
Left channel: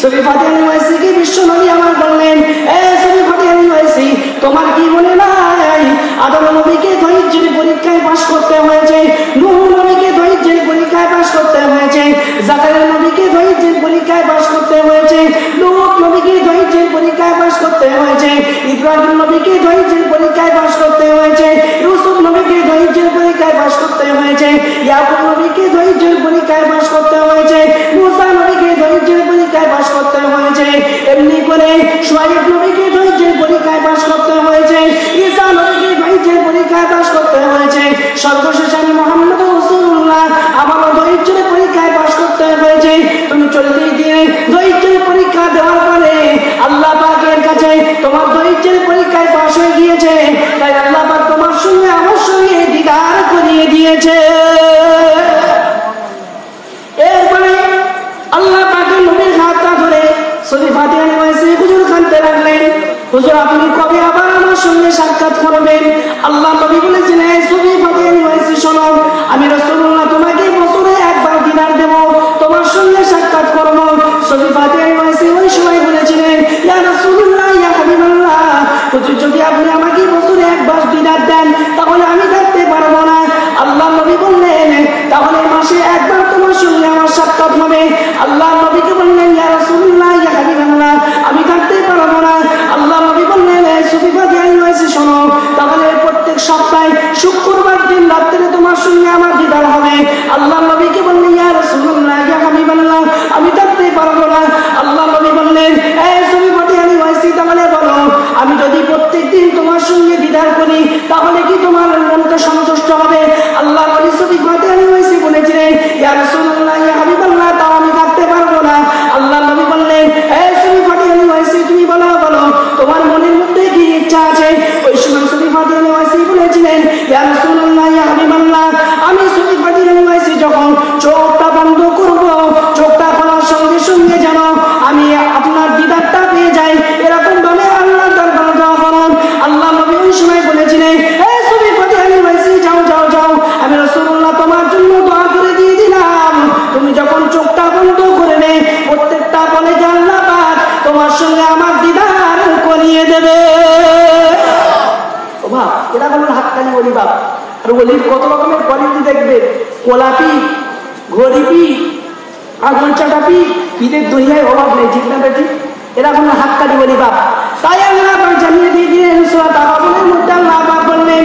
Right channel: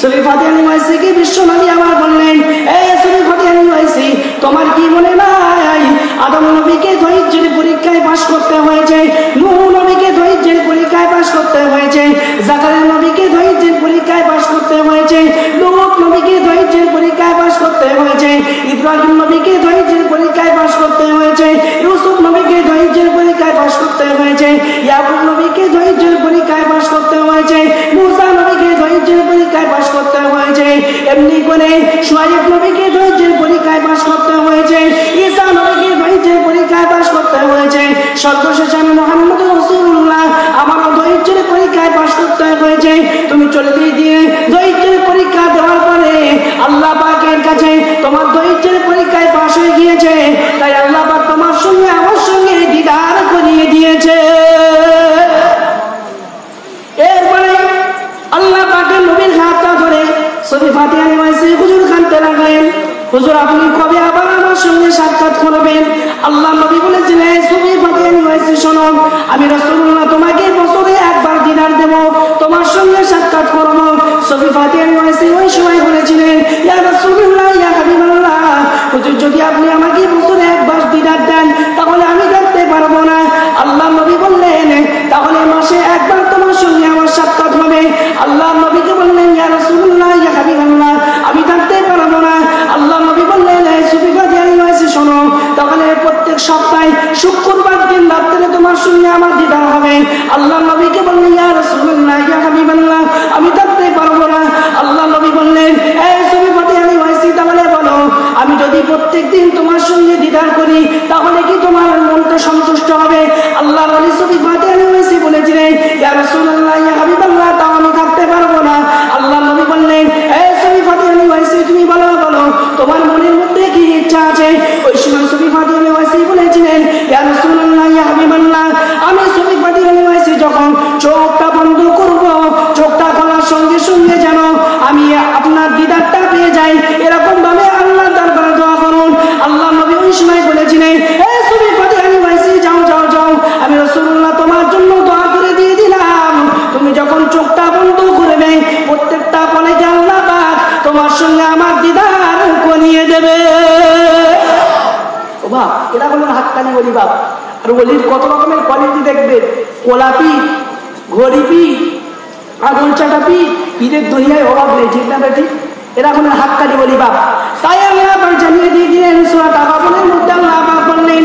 শরীফাতে আনওয়াইসি কি বিশ্বনবী আমার বললেন, এ শরীফাতে আনওয়াইসি, তোমার কি মনে নাই আদম নবীকে ধৈর্যের পরীক্ষায় পাস করতে হয়েছে, নূহ নবীকে ধৈর্যের পরীক্ষায় পাস করতে হয়েছে, জাকারিয়া নবীকে ধৈর্যের পরীক্ষায় পাস করতে হয়েছে, নূহ নবীকে ধৈর্যের পরীক্ষায় পাস করতে হয়েছে, ইব্রাহিম নবীকে ধৈর্যের পরীক্ষায় পাস করতে হয়েছে, ইউসুফ নবীকে ধৈর্যের পরীক্ষায় পাস করতে হয়েছে, ইয়াকুব নবীকে ধৈর্যের পরীক্ষায় পাস করতে হয়েছে, মুসা নবীকে ধৈর্যের পরীক্ষায় পাস করতে হয়েছে, এমনি করে শুআয়ব নবীকে ধৈর্যের পরীক্ষায় পাস করতে হয়েছে, ঈসা নবীকে ধৈর্যের পরীক্ষায় পাস করতে হয়েছে, সর্বশেষ আমি মুহাম্মদ রাসূলুল্লাহ আমাকে ধৈর্যের পরীক্ষায় পাস করতে হয়েছে। তুমি 40 দিন ধৈর্যের পরীক্ষা দেওয়ার পরে আল্লাহ পাকের কাছে তোমার ধৈর্যের পরীক্ষায় পাস হয়ে গিয়েছে, তাই আল্লাহ পাক তোমার সঙ্গে আমার সঙ্গে দিদার করিয়ে দিয়েছে। এরপরে আল্লাহ পাকের নবীর হাতটা ধরে শরীফাতে আনওয়াইসি হুজুর কাঁদতে লাগলেন, হুজুর আপনি কবে আবার আমার সঙ্গে সাক্ষাৎ করবেন? আল্লাহ নবী বলেছিলেন, শরীফাতে আনওয়াইসি শোনো, আমি রাসূলুল্লাহ তোমাকে বছরে একবার দিদার দেব, তোমার সঙ্গে সাক্ষাৎ করব। শরীফাতে আনওয়াইসি ওই সময় বলেছিলেন, ইয়া রাসূলুল্লাহ, ইয়া হাবিবাল্লাহ, হুজুর যদি আপনি আমাকে বছরে একবার দিদার দেন তাহলে আমি থাকতে পারবো না। আল্লাহ নবী বললেন, তাহলে মাসে একবার তোমার সঙ্গে আমার সাক্ষাৎ হবে। আল্লাহ নবীকে বললেন, ইয়া রাসূলুল্লাহ, ইয়া হাবিবাল্লাহ, আমি থাকতে পারবো না। আল্লাহ নবী বললেন, শরীফাতে আনওয়াইসি শোনো, তাহলে প্রত্যেক সপ্তাহে শুক্রবার দিন রাত্রে তোমার সঙ্গে আমার দিদার হবে। আল্লাহ নবীকে বললেন, ইয়া রাসূলুল্লাহ, ইয়া হাবিবাল্লাহ, আমি থাকতে পারবো না। আল্লাহ নবী বললেন, শরীফাতে আনওয়াইসি, তাহলে বলো, আমি যদি প্রত্যেক দিন তোমার সঙ্গে দিদার করি তাহলে কি তোমার মনটা সন্তুষ্ট হবে? আল্লাহ নবী শরীফাতে আনওয়াইসি বলেছিলেন, ইয়া রাসূলুল্লাহ, ইয়া হাবিবাল্লাহ, তাও আমি থাকতে পারবো না। আল্লাহ নবী বললেন, শরীফাতে আনওয়াইসি, তুমি বলো তোমার মনের মধ্যে কি ইচ্ছা আছে? ওই সময় শরীফাতে আনওয়াইসি বলেছিলেন, ইয়া রাসূলুল্লাহ, ইয়া হাবিবাল্লাহ, আমি শরীফাতে আনওয়াইসি যখন চোখটা বন্ধ করব, চোখটা খোলার সঙ্গে সঙ্গে যেন আমি আপনার দিদারটা পেয়ে যাই, এরকম ভাবে আল্লাহ দরবারে দোয়া করুন। আল্লাহ নবী ওই সময় বলেছিলেন, শরীফাতে আনওয়াইসি, যাও যাও যাও, আমি রাসূলুল্লাহ তোমার জন্য দোয়া করে দিয়ে দিলাম। তুমি যখন চোখটা বন্ধ করবে প্রত্যেকটা বলে যে আল্লাহ পাক তোমার সঙ্গে আমার দিদার করিয়ে দেবে। ও বাপ, এরা বলুন হাততালি বলি বাপ। আর বলির কত রকমের কোয়ালিটি দেখবে, কোলাপি, ঘড়িপি, আগুন চাটাপি, ঈদের দুনিয়ায় অভাব নেই, ঠিক না বেটি? এরা কোনো হাততালি বলি বাপ। তাই আল্লাহ জানিয়ে দিয়ে দিলেন সূরা তাগাবুনের মধ্যে আল্লাহ পাক বললেন,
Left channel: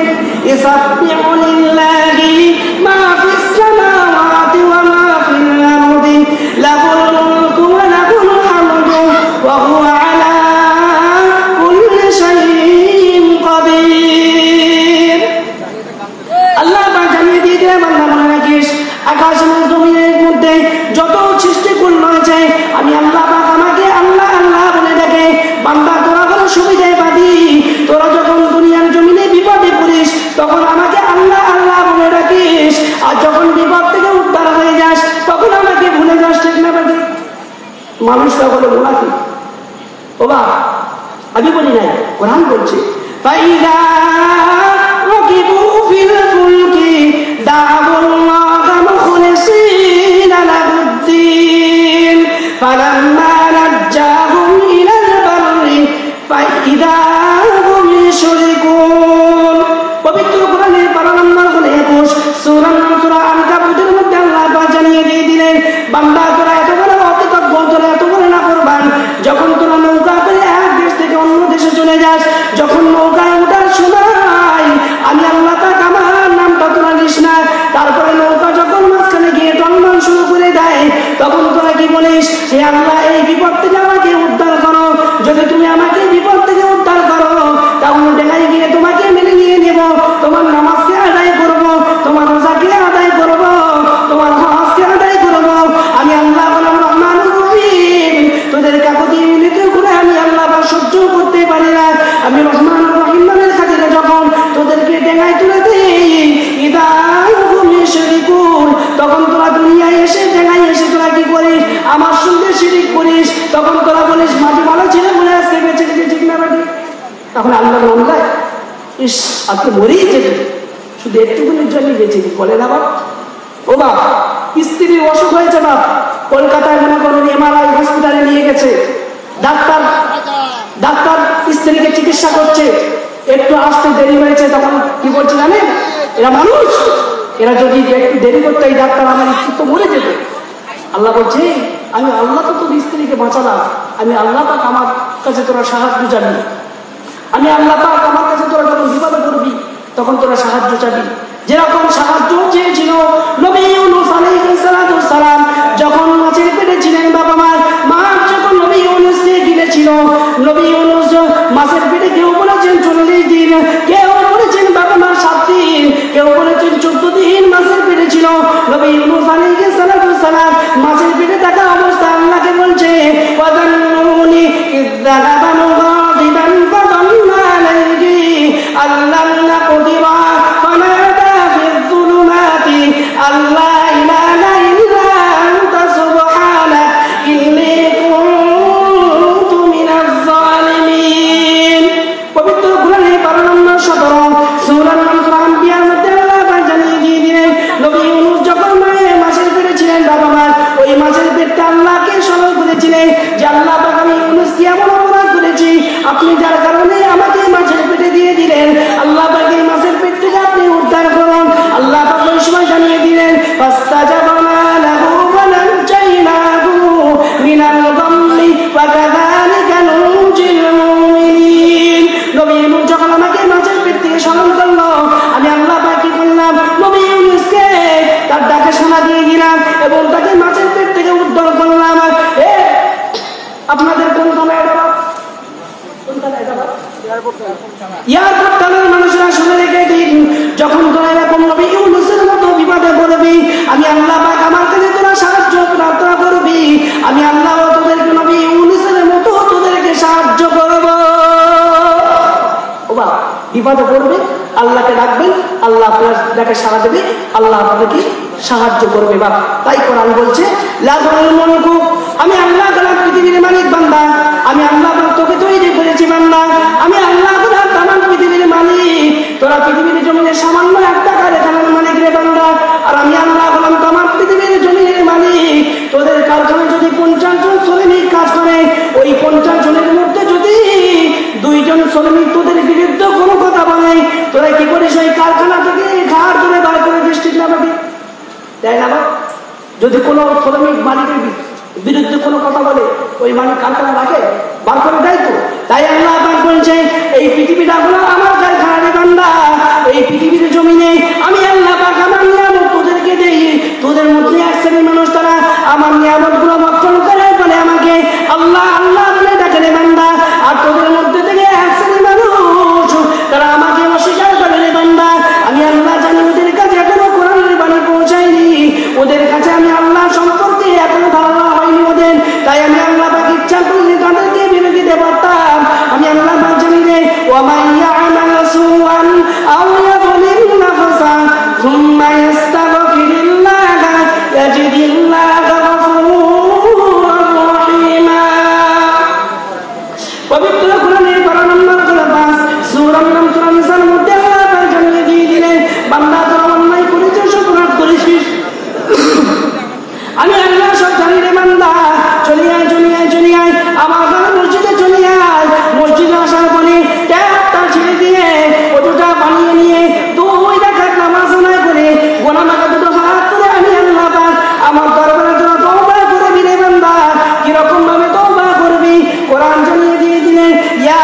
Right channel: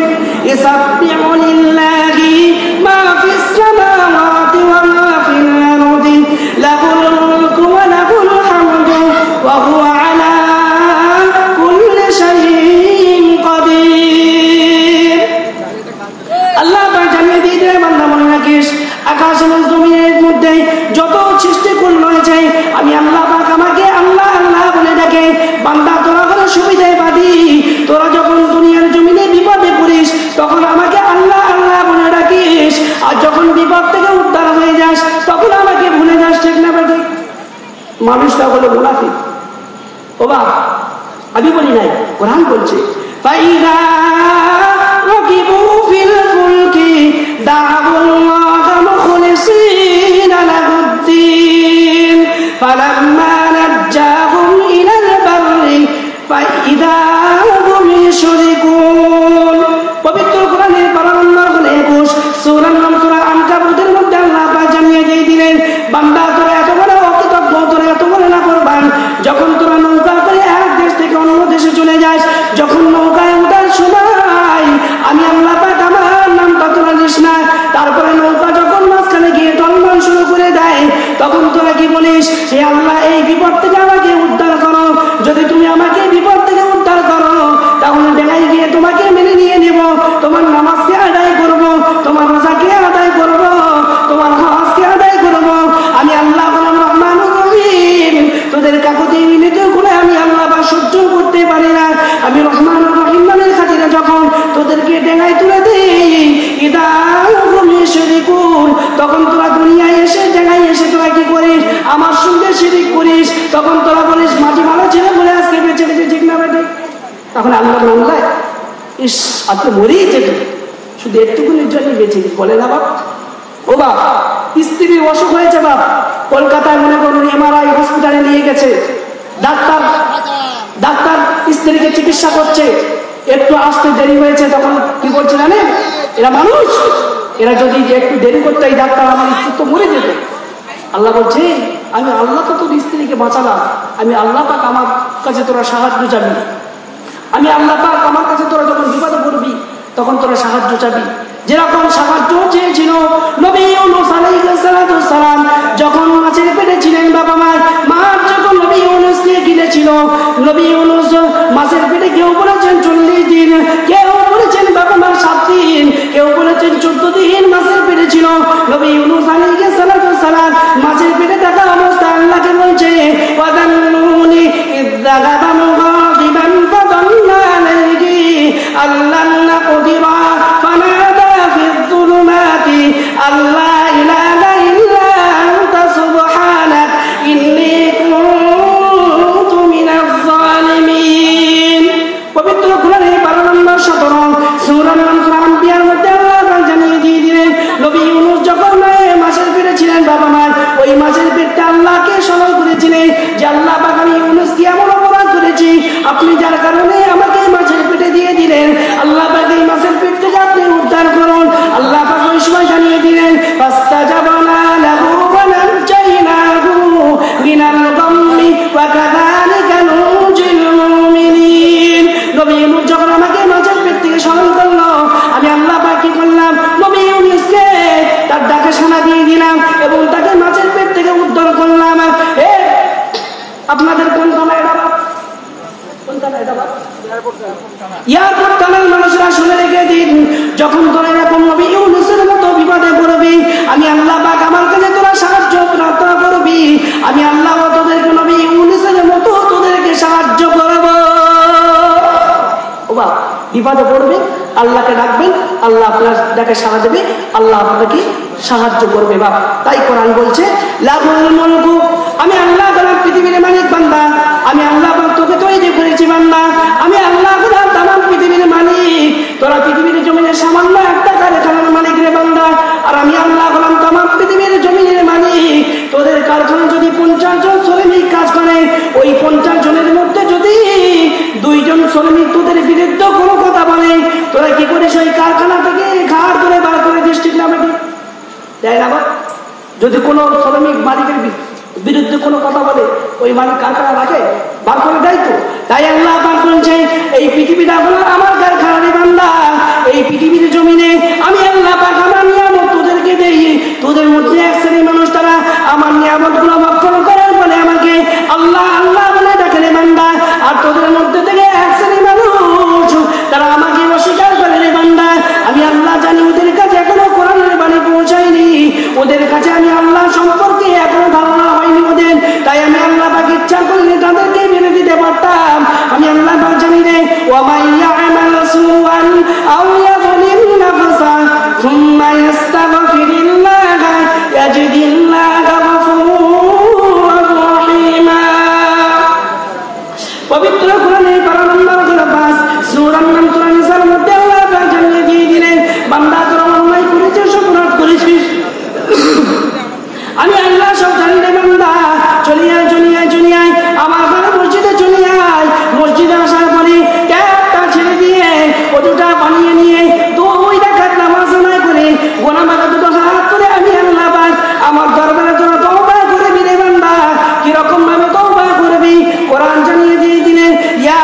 ইসাব্বিহু লিল্লাহি মা ফিস সামাওয়াতি ওয়া মা ফিল আরদি লাহুল মুলকু ওয়া লাহুল হামদু ওয়া হুয়া আলা কুল্লি শাইইন কাদির। আল্লাহ পাক জানিয়ে দিয়ে দিলেন, আকাশ এবং জমিনের মধ্যে যত সৃষ্টি করল হয়েছে, আমি আল্লাহ পাক আমাকে আল্লাহ আল্লাহ বলে ডাকে। বান্দা তোরা কোনো সুবিধায় পাবি, তোরা যখন দুনিয়ার জমিনে বিপদে পড়িস তখন আমাকে আল্লাহ আল্লাহ বলে ডাকিস, আর যখন বিপদ থেকে উদ্ধার হয়ে যাস তখন আমাকে ভুলে যাস, ঠিক না বেটি? মানুষটা বলে মুনাফিক। ও বাবা, আমি বলি নাই, কোরআন বলছে, ফাইদা রাকিবু ফিল ফুলকি দা'উল্লাহ মুখলিসিনা লাহুদ্দিন ফালাম্মা নাজ্জাহুম ইলাল বাররি ফাইদা হুম ইউশরিকুন। পবিত্র কোরআনের 12 নম্বর হলো 21 সূরা আনকাবুতের মধ্যে আল্লাহ পাক জানিয়ে দিয়ে দিলেন, বান্দা তোরা এত বড় অকৃতজ্ঞ, তোরা এত বড় নাফরমান, যখন তোরা নৌকা করে এক দেশ থেকে অন্য দেশে চলে যাস, যখন নৌকা উঠার সময় আমি আল্লাহ পাক আমার নামটা তোরা নিস না, তারপরে নৌকা যখন মাঝখানে গিয়ে টলমল শুরু করে দেয় তখন তোরা কি বলিস, যে আমরা এই বিপদ থেকে আমাকে উদ্ধার করো। যদি তুমি আমাকে বিপদ থেকে উদ্ধার করো তাহলে বেলায় গিয়ে তোমাকে মেনে নিয়ে নেব, তোমার নামাজকে আদায় করব, তোমার রোজাকে আদায় করব, তোমার হজকে আদায় করব। আমি আল্লাহ বললাম রহমানুর রহিম, তোদের কাকুতি মিনতি করে আমি আল্লাহ সহ্য করতে পারি না। আমি রহমানুর রহিম নামের খাতিরে যখন তোদেরকে ডেঙায় তুলে দিই, ইদা হুম ইউশরিকুন, তখন তোরা দুনিয়ায় এসে ডেঙায় এসে তোরা কি করিস, আমার সঙ্গে শিরিক করিস, তখন তোরা বলিস মাঝে ভালো ছিল বলে আজকে বেঁচে গেছে, ঠিক না বেটি? তখন আল্লাহ মন দেয়, ইস আপনি মরেই যেতে, শুধু একটুকুনির জন্য বেঁচে বলে না বাপ। ও বাপ, স্ত্রীর অসুখ হয়েছে বাপ, কলকাতায় মনে করুন এমআরআই হসপিটালে নিয়ে গেছে, ডাক্তার স্ত্রীকে চিকিৎসা করছে, একটু আসতে দেরি হয়েছে, তখন কি করছে জানেন? এরা মানুষ, এরা যদি একটু দেরি করতে এই ডাক্তার আমার স্ত্রী তো মরে যেত। আল্লাহ বলছে আমি আল্লাহ তো তোর স্ত্রীকে বাঁচালাম, আমি আল্লাহ পাক আমার কাছে তোরা সাহায্য চাবি, আমি আল্লাহ পাক আমার কাছে তোরা যখন বিপদে করবি তখন তোরা সাহায্য চাবি। যেরকম সাহায্য চেয়েছিল নবী ইউনূস আলাইহিস সালাম যখন মাছের পেটে ছিলেন, বাবা মাছ যখন নবী ইউনূসকে গিলেছিল, নবী ইউনূস মাছের পেটে কেউ বলেছেন 40 দিন, কেউ বলেছেন বাবা মা 7 দিন, কেউ বলেছেন 14 দিন মাছের পেটে ছিল। নবী ইউনূস আলাইহিস সালাম মাছের পেটে থাকা অবস্থায় আল্লাহকে বলছে ওয়াদান্নুনি ইযযাগাদানু গাদিবান ফাদাল্লা আলাইহি আল্লাহ নাকদিরা ফানাদা ফিয-যুলুমাতি আল্লা ইলাহা ইল্লা আনতা সুবহানাক ইন্নী কুনতু মিনাজ-জালিমিন। পবিত্র কোরআনের 12 নম্বর 17 সূরা আল-আনবিয়ার মধ্যে আল্লাহ জানিয়ে দিলেন নবী ইউনূস যখন মাছের পেটে ছিলেন, বাবা মা ওই মাছের পেটটা আল্লাহকে স্মরণ করেছিলেন যে আল্লাহ পাক আমি ইউনূসকে এমন অপরাধ করেছি, আপনি যার কারণে আমাকে মাছের পেটে দিয়ে দিলেন, আল্লাহ পাক এই মাছের পেট থেকে আপনি উদ্ধার করুন। আল্লাহ পাক ওই সময় জানিয়ে দিলেন ফাস্তাজাবনা লাহু ওয়া নাজাইনাহু মিনাল গাম্মি ওয়া কাযালিকা নুনজিল মুমিনিন। নবী ইউনূস যখন আমাকে মাছের পেট থেকে স্মরণ করলো, আমি আল্লাহ পাক কি করলাম, নবী ইউনূসকে তার ডাকে শোনা দিয়ে দিলাম এবং তাকে মাছের পেট থেকে উদ্ধার করলাম। আপনাদের কোন থানায় এটা? এয়ারপোর্ট থানার মানুষরা শুনে রেখে দিন, যখন তোরা এরকম নবী ইউনূসের মতো বিপদে পড়বি, আমি আল্লাহ পাক আমার কাছে তোরা সাহায্য প্রার্থনা করবি, আমি আল্লাহ তোদেরকে নবী ইউনূসের মতো তোদেরকে সাহায্য করব। ও বাবা, বিপদে পড়বে আল্লাহকে ডাকবেন, আল্লাহ আপনার ডাকে সাড়া দেবে, আল্লাহ আপনাকে সাহায্য করবে। বা তাই কোরআন বলছে লাহুল মুলকু, আমি আল্লাহ তাআলা পৃথিবীর মালিক বান্দা, আমি আল্লাহ তোকে তৈরি করেছি বান্দা, আমি আল্লাহ তাআলা তামাম পৃথিবীর মালিক, তোরা পৃথিবীর জমিনে সামান্য একটা কারখানার মালিক রে বান্দা, আর আমি আল্লাহ হলাম তামাম পৃথিবীর জমিনের মালিক। তোদের কারখানা যদি 50 জন শ্রমিক কাজ করে, ওই 50 জনের মধ্যে যদি 2 জন শ্রমিক তোদের বিরুদ্ধে কোনো কথা বলে, তোরা কি করে সেই কারখানা থেকে ঘাড় ধরে বার করে ডিস্ট্রিক্ট নামাবি? তাই না? যদি কোনো শ্রমিক মালিকের বিরুদ্ধে কোনো কথা বলে, ওই মালিক কারখানা রাখে, বার করে দেয় তো। তাই আল্লাহ পাক বলছে এই পৃথিবীটা হলো আমার কারখানা বান্দা, এই পৃথিবীর জমিনে আমি আল্লাহ পাক আমার নিয়ামত তোদেরকে দেই, তোদের মধ্যে এক শ্রেণীর মানুষ তারা আমার নিয়ামত গুলো ভক্ষণ করে বলে আমাকে আল্লাহ আল্লাহ বলে ডাকে রে বান্দা, আর তোদের মধ্যে থেকে এক শ্রেণীর মানুষ তারা আমাকে অস্বীকার করে রে বান্দা। আমি আল্লাহ জানি ওদের কাছে এখনো কোরআনের বাণী পৌঁছায়নি, ওদের কাছে আমি আল্লাহ সম্পর্কে এখনো ধারণা হয়নি ওদের, তাই আমি আল্লাহ পাক ইচ্ছা করলে তাদেরকে মেনে দিতে পারতাম। আমি আল্লাহ পাক জানি রে ওয়া মান ইয়া'মাল সুআন আও ইয়াযলিম নাফসা সুম্মা ইয়াস্তাগফিরুল্লাহ ইয়াজিদিল্লাহা গফুরুর রহিমা। পবিত্র কোরআনের 12 নম্বর সূরা নিসার মধ্যে আল্লাহ পাক জানিয়ে দিয়ে দিলেন বান্দা তোরা অন্যায় করেছিস, অপরাধ করেছিস, আমি আল্লাহ সব জানি রে বান্দা, চলিয়ে আমার ঘরে মসজিদে চলে আয়, মসজিদে আসার পরে ট্যাপটা ছেড়ে দিয়ে ওটা বানিয়ে নিয়ে 2 রাকাত নামাজ আদায় করে গোনা মাথা দুটো হাত করে আমি আল্লাহ পাক আমার দরবারে তোরা তওবা করবি রে বান্দা। কিরকম ভাবে তওবা করবি? কোরআন জানিয়ে দিয়ে দিলেন ইয়া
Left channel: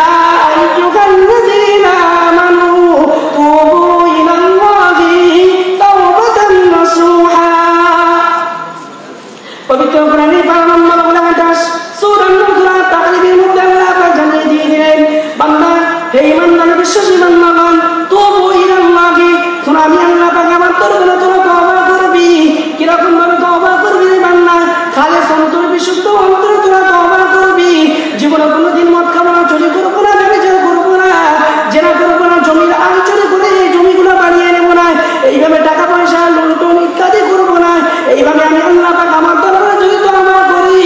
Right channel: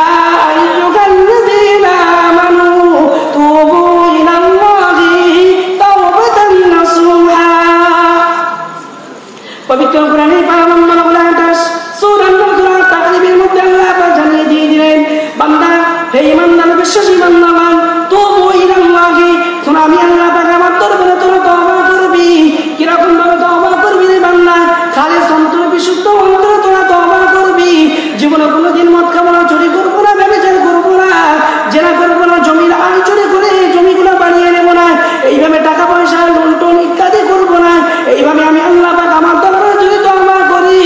আইয়ুহাল্লাযীনা আমানু তুবু ইলাল্লাহি তাওবাতান নাসুহা। পবিত্র কোরআনের 12 নম্বর সূরা আন-নাজর তাকরীবের মধ্যে আল্লাহ পাক জানিয়ে দিয়ে দিলেন বান্দা হে ঈমানদার বিশ্বাসী বান্দাগণ তুবু ইলাল্লাহি, তোমরা আমি আল্লাহ পাক আমার দরবারে তোমরা তওবা করবি। কিরকম ভাবে তওবা করবি বান্দা? খালিস অন্তর বিশুদ্ধ অন্তরে তোমরা তওবা করবি, জীবনে কোনোদিন মদ খাবো না, চুরি করবো না, ব্যভিচার করবো না, জেনা করবো না, জমির আইন চুরি করে এই জমিগুলো বানিয়ে নেবো না, এইভাবে টাকা পয়সা লুণ্ঠন ইত্যাদি করবো না। এইভাবে আমি আল্লাহ পাক আমার দরবারে যদি তওবা করি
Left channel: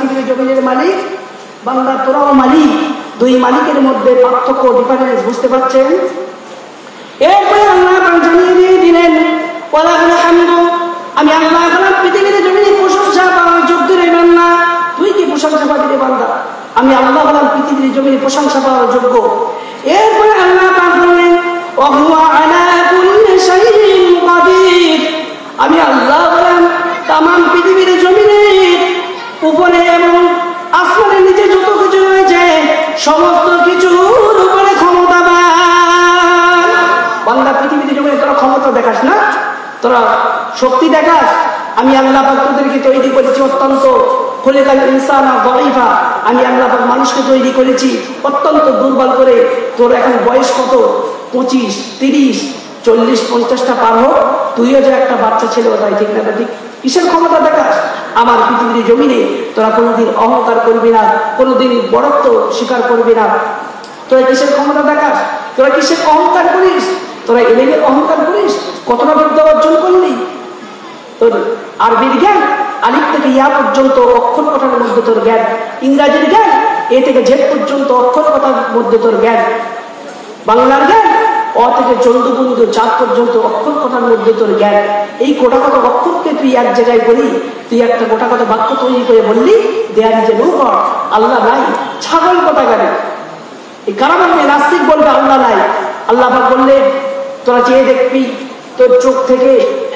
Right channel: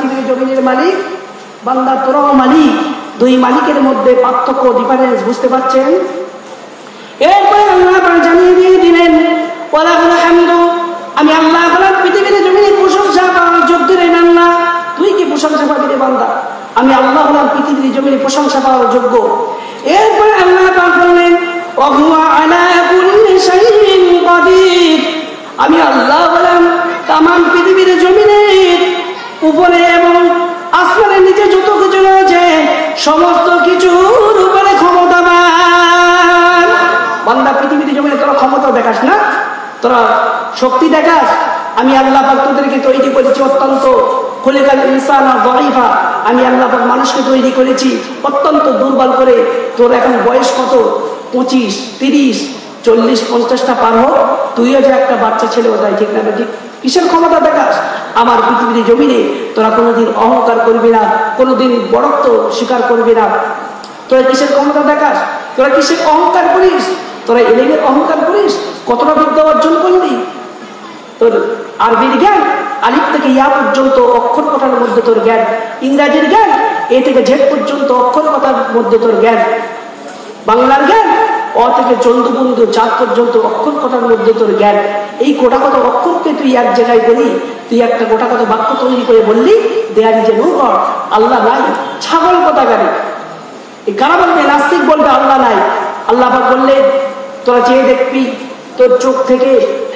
পৃথিবীর জমিনের মালিক, বান্দা তোরাও মালিক। দুই মালিকের মধ্যে পার্থক্য, ডিফারেন্স বুঝতে পারছেন? এরপরে আল্লাহ জানিয়ে দিয়ে দিলেন, আমি আল্লাহ পৃথিবীর জমিনে প্রশংসা পাওয়ার যোগ্য রেন না। তুই কি প্রশংসা পাবি রে বান্দা? আমি আল্লাহ পৃথিবীর জমিনে প্রশংসা পাওয়ার যোগ্য। এরপরে আল্লাহ বললেন, আমি আল্লাহ বলেন তামাম পৃথিবীর জমিনের উপরে এবং আসমানের নিচে যত কিছু রয়েছে সমস্ত কিছুর উপরে ক্ষমতাবান। বান্দা পৃথিবীর জমিনে তোরা ক্ষমতা দেখাস না, তোরা শক্তি দেখাস। আমি আল্লাহ তোদেরকে তৈরি করেছি অত্যন্ত খলিকাল ইনসান দাঈফা। আমি আল্লাহ মানুষকে তৈরি করেছি অত্যন্ত দুর্বল করে। তোর এখন বয়স কত? 25, 30, 40, 50টা পার হোক, তুইও যে একটা বাচ্চা ছেলে, ওটাই ঠিক না? ঠিক কিসের ক্ষমতা দেখাস? আমার পৃথিবীর জমিনে তোরা কোনোদিন অহংকার করবি না, কোনোদিন বড়ত্ব স্বীকার করবি না। তোরা কিসের ক্ষমতা দেখাস? তোরা কিসের অহংকার করিস? তোরা এলেগে অহংকার করিস? কতটা বিদ্যা অর্জন করলি? তোর আরবির জ্ঞান আলিফ থেকে ইয়া পর্যন্ত অক্ষর কথার মধ্যে তোর জ্ঞান, ইংরাজির জ্ঞান এ থেকে জেড পর্যন্ত অক্ষর কথার মধ্যে তোর জ্ঞান, বাংলার জ্ঞান অ থেকে চন্দ্রবিন্দু চাঁদ পর্যন্ত অক্ষর কথার মধ্যে তোর জ্ঞান। এই গোটা কত অক্ষরকে তুই এক জায়গায় বলি, তুই একটা গোটা কত বাক্য তৈরি করে বললি দেয়ার যে লোক আল্লাহ নাই, ছাগল কথা গাড়ি। কারা বলবে? নাস্তিক বলবে আল্লাহ নাই। আল্লাহ বললে তোরা চেয়ে দেখবি তোর চোখ থেকে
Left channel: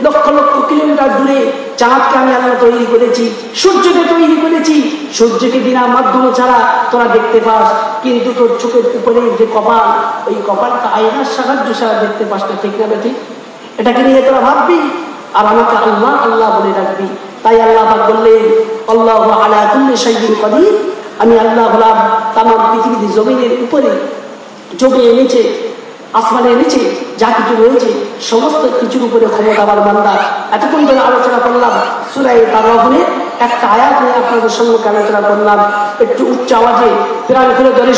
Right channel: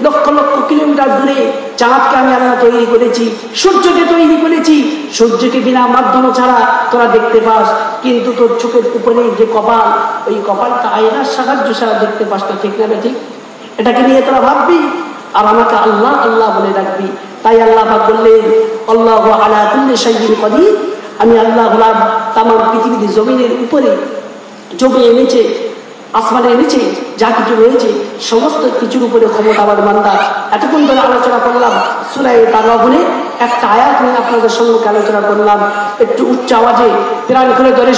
লক্ষ লক্ষ কিলোমিটার দূরে চাঁদকে আমি আল্লাহ তৈরি করেছি, সূর্যকে তৈরি করেছি। সূর্যকে বিনা মাধ্যম ছাড়া তোরা দেখতে পাস, কিন্তু তোর চোখের উপরে যে কপাল, ওই কপালটা আয়নার সাহায্য ছাড়া দেখতে পাস না, ঠিক না? ঠিক। এটাকে নিয়ে তোরা ভাববি আর আমাকে আল্লাহ আল্লাহ বলে রাখবি। তাই আল্লাহ বললেন, আল্লাহু আলা কুল্লি শাইইন কাদির। আমি আল্লাহ হলাম তামাম পৃথিবীর জমিনের উপরে, জমির নিচে, আসমানের নিচে যা কিছু রয়েছে সমস্ত কিছুর উপরে ক্ষমতাবান বান্দা। এতক্ষণ ধরে আলোচনা করলাম সূরা তাগাবুনে একটা আয়াত নিয়ে আপনাদের সঙ্গে আলোচনা করলাম। একটু উচ্চ আওয়াজে প্রাণ খুলে ধরে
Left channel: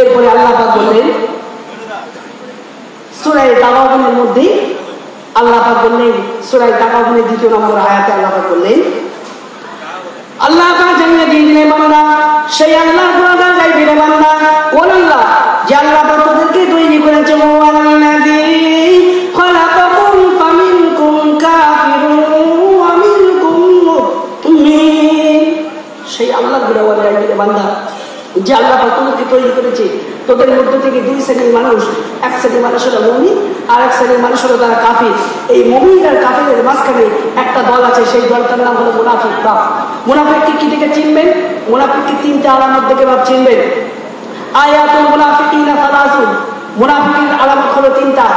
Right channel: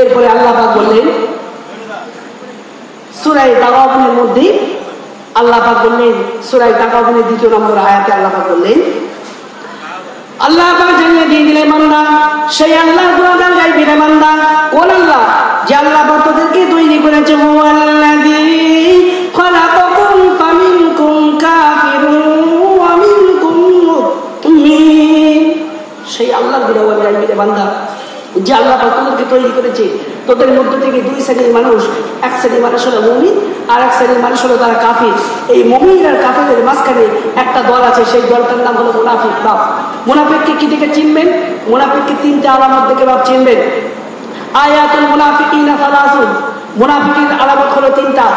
এরপরে আল্লাহ পাক বললেন সূরা তাগাবুনের মধ্যে, আল্লাহ পাক বললেন সূরা তাগাবুনের 2 নম্বর আয়াতে আল্লাহ পাক বললেন, আল্লাহ তাআলা জানিয়ে দিয়ে দিলেন বান্দা, সেই আল্লাহ তোমাদের গাইবে রে বান্দা, কোন আল্লাহ? যে আল্লাহ পাক তোদেরকে তৈরি করেছে। ওয়াল্লাযী খালাকাকুম ফামিনকুম কাফিরুন ওয়া মিনকুম মুমিন। সেই আল্লাহ গুণগান গাইবে রে বান্দা, যে আল্লাহ তোদেরকে তৈরি করেছে। তোদের মধ্য থেকে 2 শ্রেণীর মানুষ, এক শ্রেণীর মানুষ হলো মুমিন আর এক শ্রেণীর মানুষ হলো তারা কাফির। এই মুমিন আর কাফিরের মাঝখানে একটা দল আছে, সেই দলটার নাম হলো মুনাফিক। মুনাফিককে কি থেকে চিনবেন? মুনাফিককে 3টা আলামত দেখে চিনবেন। আয়াতুল মুনাফিকিনা সালাসুন। মুনাফিকের আলামত হলো 3টা।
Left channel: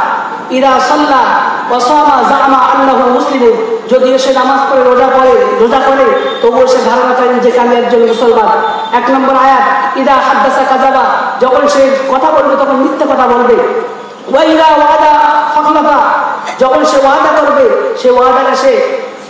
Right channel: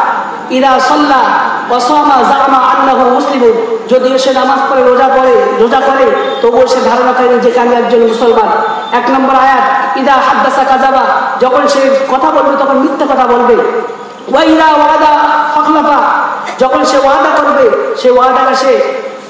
ইদা সাল্লা ওয়া সামা জামা আন্নাহু মুসলিমুন। যদিও সে নামাজ পড়ে, রোজা করে, তবুও সে ধারণা করেন যে আমি একজন মুসলমান। 1 নম্বর আয়াত, ইদা হাদ্দাসা কাযাবা। যখন সে কথা বলবে তখন মিথ্যা কথা বলবে। ওয়া ইদা ওয়াদা আখলাফা। যখন সে ওয়াদা করবে, সে ওয়াদাটা সে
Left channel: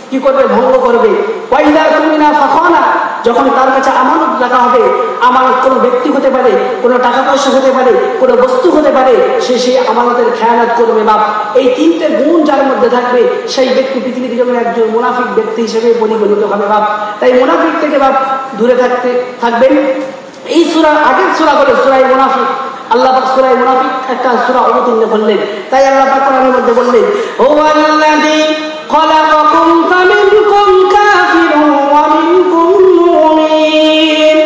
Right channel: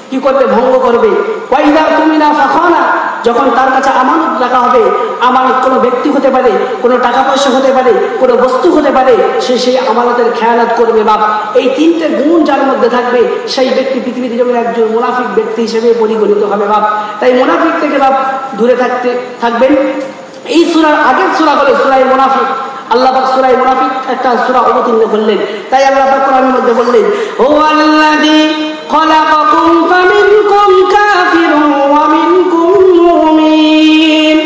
কি করবে? ভঙ্গ করবে। ওয়া ইদা তুমিনা ফাখানা। যখন তার কাছে আমানত রাখা হবে, আমানত কোনো ব্যক্তি হতে পারে, কোনো টাকা পয়সা হতে পারে, কোনো বস্তু হতে পারে, সে সেই আমানতের খেয়ানত করবে না। এই 3টে গুণ যার মধ্যে থাকবে সেই ব্যক্তি পৃথিবীর জন্য একজন মুনাফিক ব্যক্তি হিসেবে পরিগণিত হবে। তাই মুনাফিক থেকে দূরে থাকবেন। এই সূরা আগের সূরা বলে সূরা মুনাফিক। আল্লাহ পাক সূরা মুনাফিক একটা সূরা অবতীর্ণ করলেন। তাই আল্লাহ পাক কোরআনের মধ্যে বললেন, হুয়াল্লাযী খালাকাকুম ফামিনকুম কাফিরুন ওয়া মিনকুম মুমিন।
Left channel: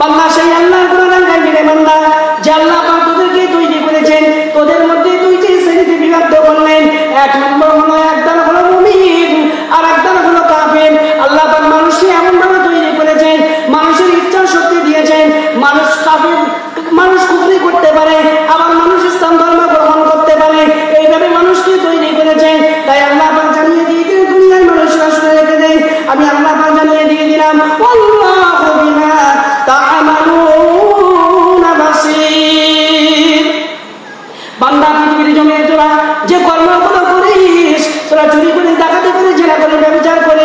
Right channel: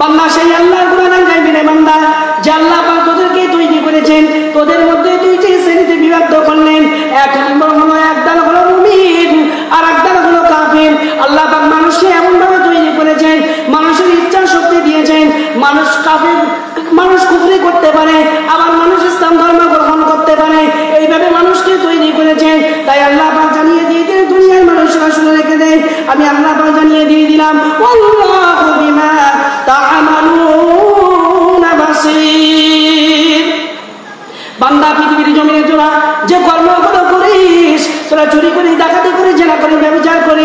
বান্দা সেই আল্লাহ গুণগান গাইবি রে বান্দা, যে আল্লাহ পাক তোদেরকে তৈরি করেছেন। তোদের মধ্যে 2টি শ্রেণীতে বিভক্ত করলেন। 1 নম্বর হলো একদল হলো মুমিন আর একদল হলো কাফির। আল্লাহ পাক মানুষকে এমন ভাবে তৈরি করেছেন, মানুষের ইচ্ছা শক্তি দিয়েছেন। মানুষ কুফরি করতে পারে, আবার মানুষ ইসলাম ধর্ম গ্রহণ করতে পারে। এইভাবে মানুষকে তৈরি করেছেন। তাই আল্লাহ পাক জানিয়ে দিয়ে দিলেন, দুনিয়ার মানুষরা শুনে রেখে দেয়, আমি আল্লাহ পাক জানিয়ে দিয়ে দিলাম, আল্লাহু বিমা তা'মালুনা বাসীর। বান্দা পৃথিবীর জমিনে তোরা যে কর্মগুলো করিস, তোরা চুরি করিস, ডাকাতি করিস, জেনা করিস, ব্যভিচার করিস,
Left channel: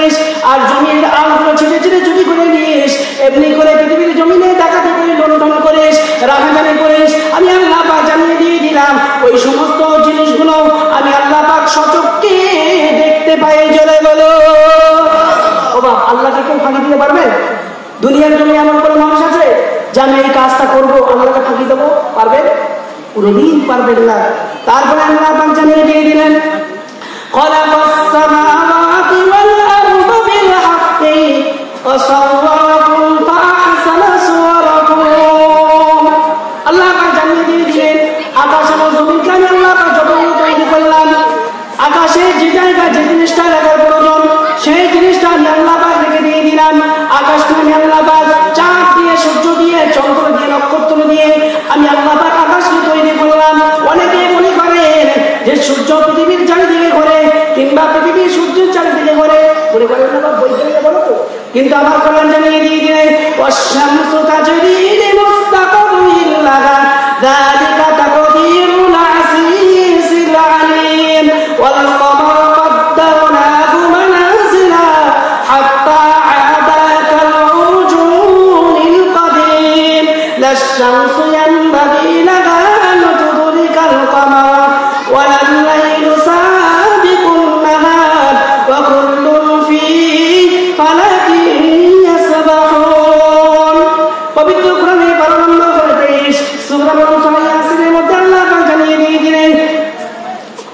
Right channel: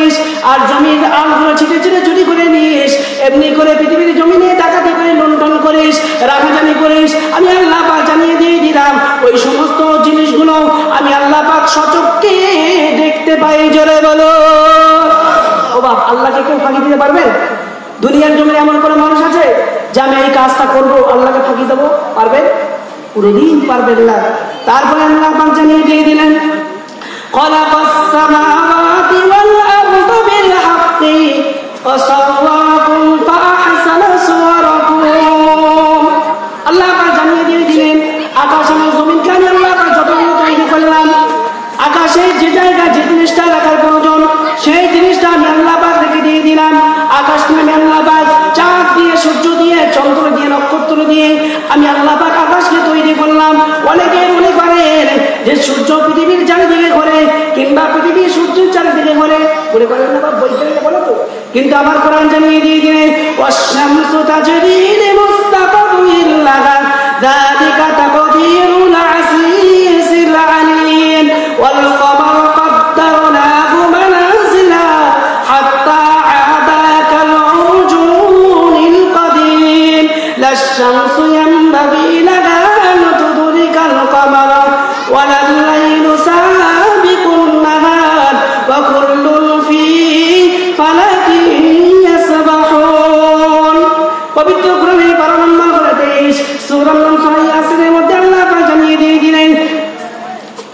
আর জমির আলগুলো ছিটে ছিটে চুরি করে নিস, এমনি করে পৃথিবীর জমিনে ডাকাতি করে লুণ্ঠন করিস, রাজধানী করিস, আমি আল্লাহ পাক জানিয়ে দিয়ে দিলাম ওই সমস্ত জিনিসগুলো আমি আল্লাহ পাক সচক্ষে দেখতে পাই। জোরে বলো ও বাপ, আল্লাহকে কেউ ফাঁকি দিতে পারবে? দুনিয়ার জন্য এমন করে মানুষ আছে যে আমি এই কাজটা করবো, আল্লাহকে ফাঁকি দেবো? পারবে? কোনদিন পারবেন না। তারপরে আল্লাহ পাক জানিয়ে দিয়ে দিলেন খলাকাস সামাওয়াতি ওয়াল আরদা বিল হাক্কি ওয়া সাওয়ারাকুম ফাআহসানা সুওয়ারাকুম। আল্লাহ পাক জানিয়ে দিয়ে দিলেন আকাশ এবং জমিনকে আমি আল্লাহ পাক যতটুকু তৈরি করলাম, আকাশের যে জায়গায় যে জিনিসটা রাখার প্রয়োজন সেই জিনিসটা আমি আল্লাহ পাক রেখে দিয়ে দিলাম। আকাশকে আমি আল্লাহ পাক চাঁদ দিয়ে, সূর্য দিয়ে, চন্দ্র দিয়ে, নক্ষত্র দিয়ে আমি আল্লাহ পাক আকাশকে তৈরি করলাম। অনেকে মনে করেন যে সূর্য পৃথিবীর চারিদিকে ঘোরে কিংবা পৃথিবী সূর্যের চারিদিকে ঘোরে, মনে করেন বৈজ্ঞানিক বলো তো, কিন্তু আমার কোরআন জানিয়ে দিয়ে দিলেন ওয়াশ-শামসু তাজরি লিমুস্তাকাররিন লাহা যালিকা তাকদীরুল আজিজিল আলীম ওয়াল কমারা قدرناه منازلا حتى عاد كالعرجون القديم لا الشمس ينبغي لها أن تدرك القمر ولا الليل سابق النهار وكل في فلك يسبحون। পবিত্র কোরআনের 12 নম্বর 23 সূরা ইয়াসিনের মধ্যে আল্লাহ জানিয়ে দিয়ে দিলেন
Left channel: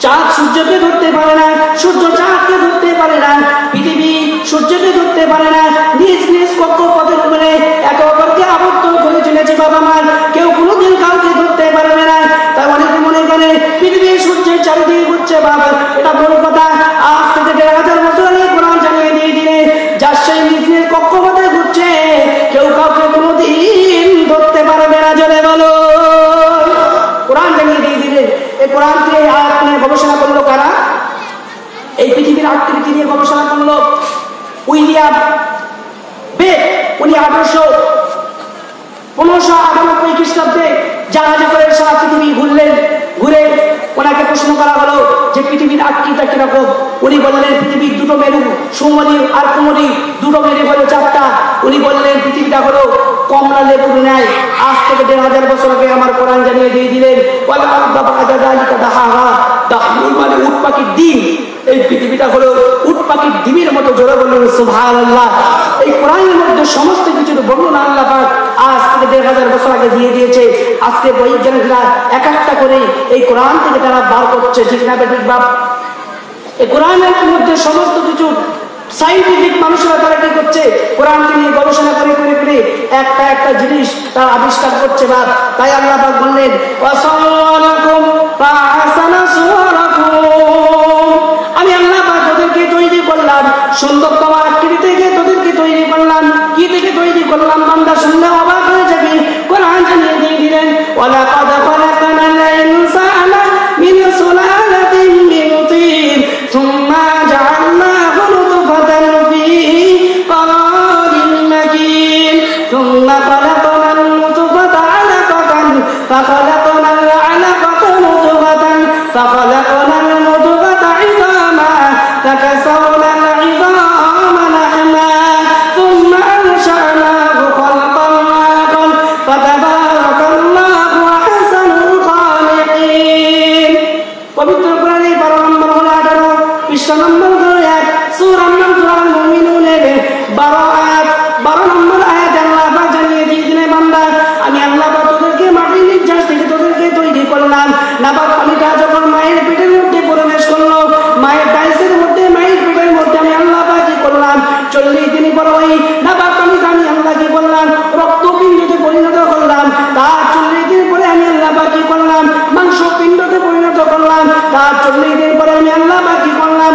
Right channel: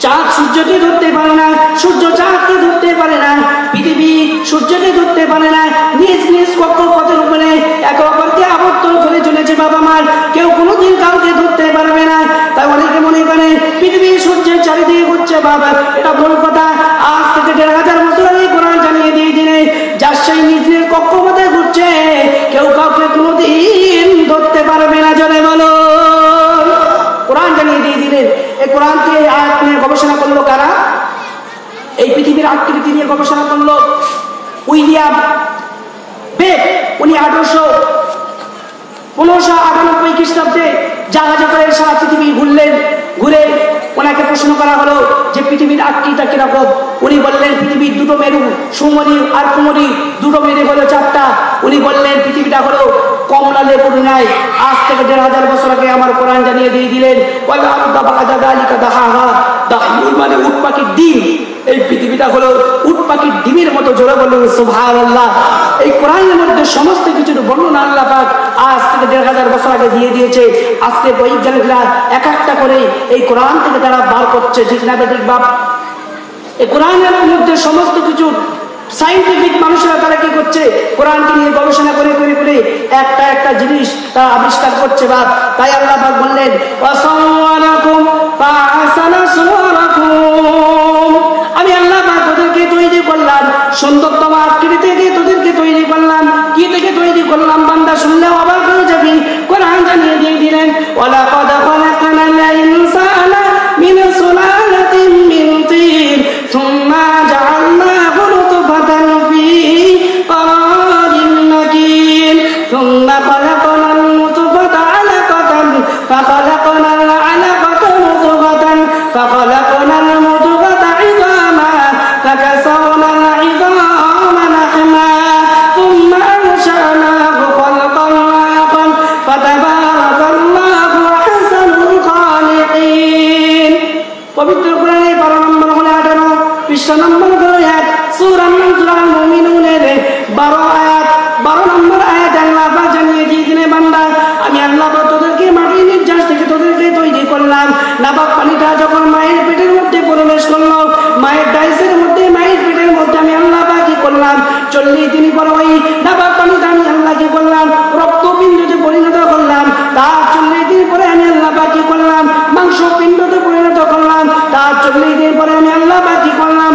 চাঁদ সূর্যকে ধরতে পারে না, সূর্য চাঁদকে ধরতে পারে না, পৃথিবী সূর্যকে ধরতে পারে না, নিজ নিজ কক্ষপথের উপরে একে অপরকে আবদ্ধ করে চলেছে। বাবা মার কেউ কোনোদিন কাউকে ধরতে পারবে না। তাই অনেকে মনে করে পৃথিবী সূর্যের চারিদিকে ঘুরছে, বাবা এটা বড় কথা। আজ থেকে 1500 বছর আগে কোরআন জানিয়ে দিয়ে দিলে যার সেই নিজ নিজ কক্ষপথে ঘুরছে কেউ কাউকে কোনোদিন ধরতে পারবে না। জনে বলো কোরআন জানিয়ে দিয়ে দিলে। এই কোরআনকে এই আয়াত নিয়ে গবেষণা করলো কারা? এই পৃথিবীর আকৃতি নিয়ে গবেষণা করলো উইলিয়াম বেক। উনি 1598 খ্রিস্টাব্দে জাহাজে করে সারা পৃথিবী ঘুরলেন। ঘুরে ওনাকে প্রশ্ন করা হলো যে পৃথিবীর আকৃতিটা কিরকম। উনি বললেন পৃথিবীর দুটো মেরু, সুমরি আর কুমরি, দুটো মেরু হলো 4টা। উনি বললেন পৃথিবীটা হলো কমলা লেবুর ন্যায়। আজ থেকে 1500 বছর আগে আমার কোরআন জানিয়ে দিয়ে দিলেন ওয়াল আরদা বা'দা যালিকা দাহাহা। দাহমুল মানে উট পাখির ডিম। এই পৃথিবীটা হলো উট পাখির ডিমের মতো। জোরে বললেন সুবহানাল্লাহ। এই কোরআনের মধ্যে সমস্ত কিছুর বর্ণনা আল্লাহ পাক আজ থেকে 1500 বছর আগে দিয়ে দিয়েছে। আজকে বৈজ্ঞানিকরা এক একটা করে এই কোরআন থেকে তারা বার করছে, ঠিক না ঠিক বাপ? এই কোরআনের মধ্যে সমস্ত কিছু সাইন্টিফিক মানুষরা তারা কি করছে, কোরআনকে নিয়ে গবেষণা করে করে করে একটা একটা জিনিস তারা আবিষ্কার করছে। বাপ তাই আল্লাহ পাক বললেন ওয়াসাওয়ারাকুম ফাআহসানা সুওয়ারাকুম। আমি আল্লাহ পাক তোদেরকে তৈরি করলাম সুন্দরতম আকৃতি থেকে, তোদেরকে তৈরি করলাম কি থেকে তৈরি করলাম? বান্দা শুনলে অবাক হয়ে যাবি। কোরআন জানিয়ে দিয়ে দিলেন ওয়ালাকাদ খালাকনাল ইনসানা মিন সুলালাতিন মিন তিন সুম্মা জাআলনাহু নুতফাতান ফি قرار مكين ثم خلقنا النطفة علقة فخلقنا العلقة مضغة فخلقنا المضغة عظاما فكسونا العظام لحما ثم أنشأناه خلقا آخر فتبارك الله أحسن الخالقين। পবিত্র কোরআনে 12 নম্বর 18 20 নম্বর 1 সূরা আল মুমিনুনের 12 আয়াত 12 নম্বর আয়াত আল্লাহ পাক জানিয়ে দিয়েছেন বান্দা আমি আল্লাহ পাক তোদেরকে মাটির নির্যাস থেকে তোদেরকে তৈরি করলাম। নাপাক পানিটা যখন মায়ের পেটের মধ্যে প্রবেশ করলো, মায়ের ডাইসের মধ্যে, মায়ের পেটের মধ্যে আমি আল্লাহ পাক কি করলাম 40 দিন পর ওই নাপাক পানিটা আমি আল্লাহ কি করলাম রক্তপিণ্ডতে পরিণত করলাম। তার 40 দিন পরে আমি আল্লাহ পাক কি করলাম মাংস পিণ্ডতে পরিণত করলাম। তার 40 দিন পরে আমি আল্লাহ পাক কি করলাম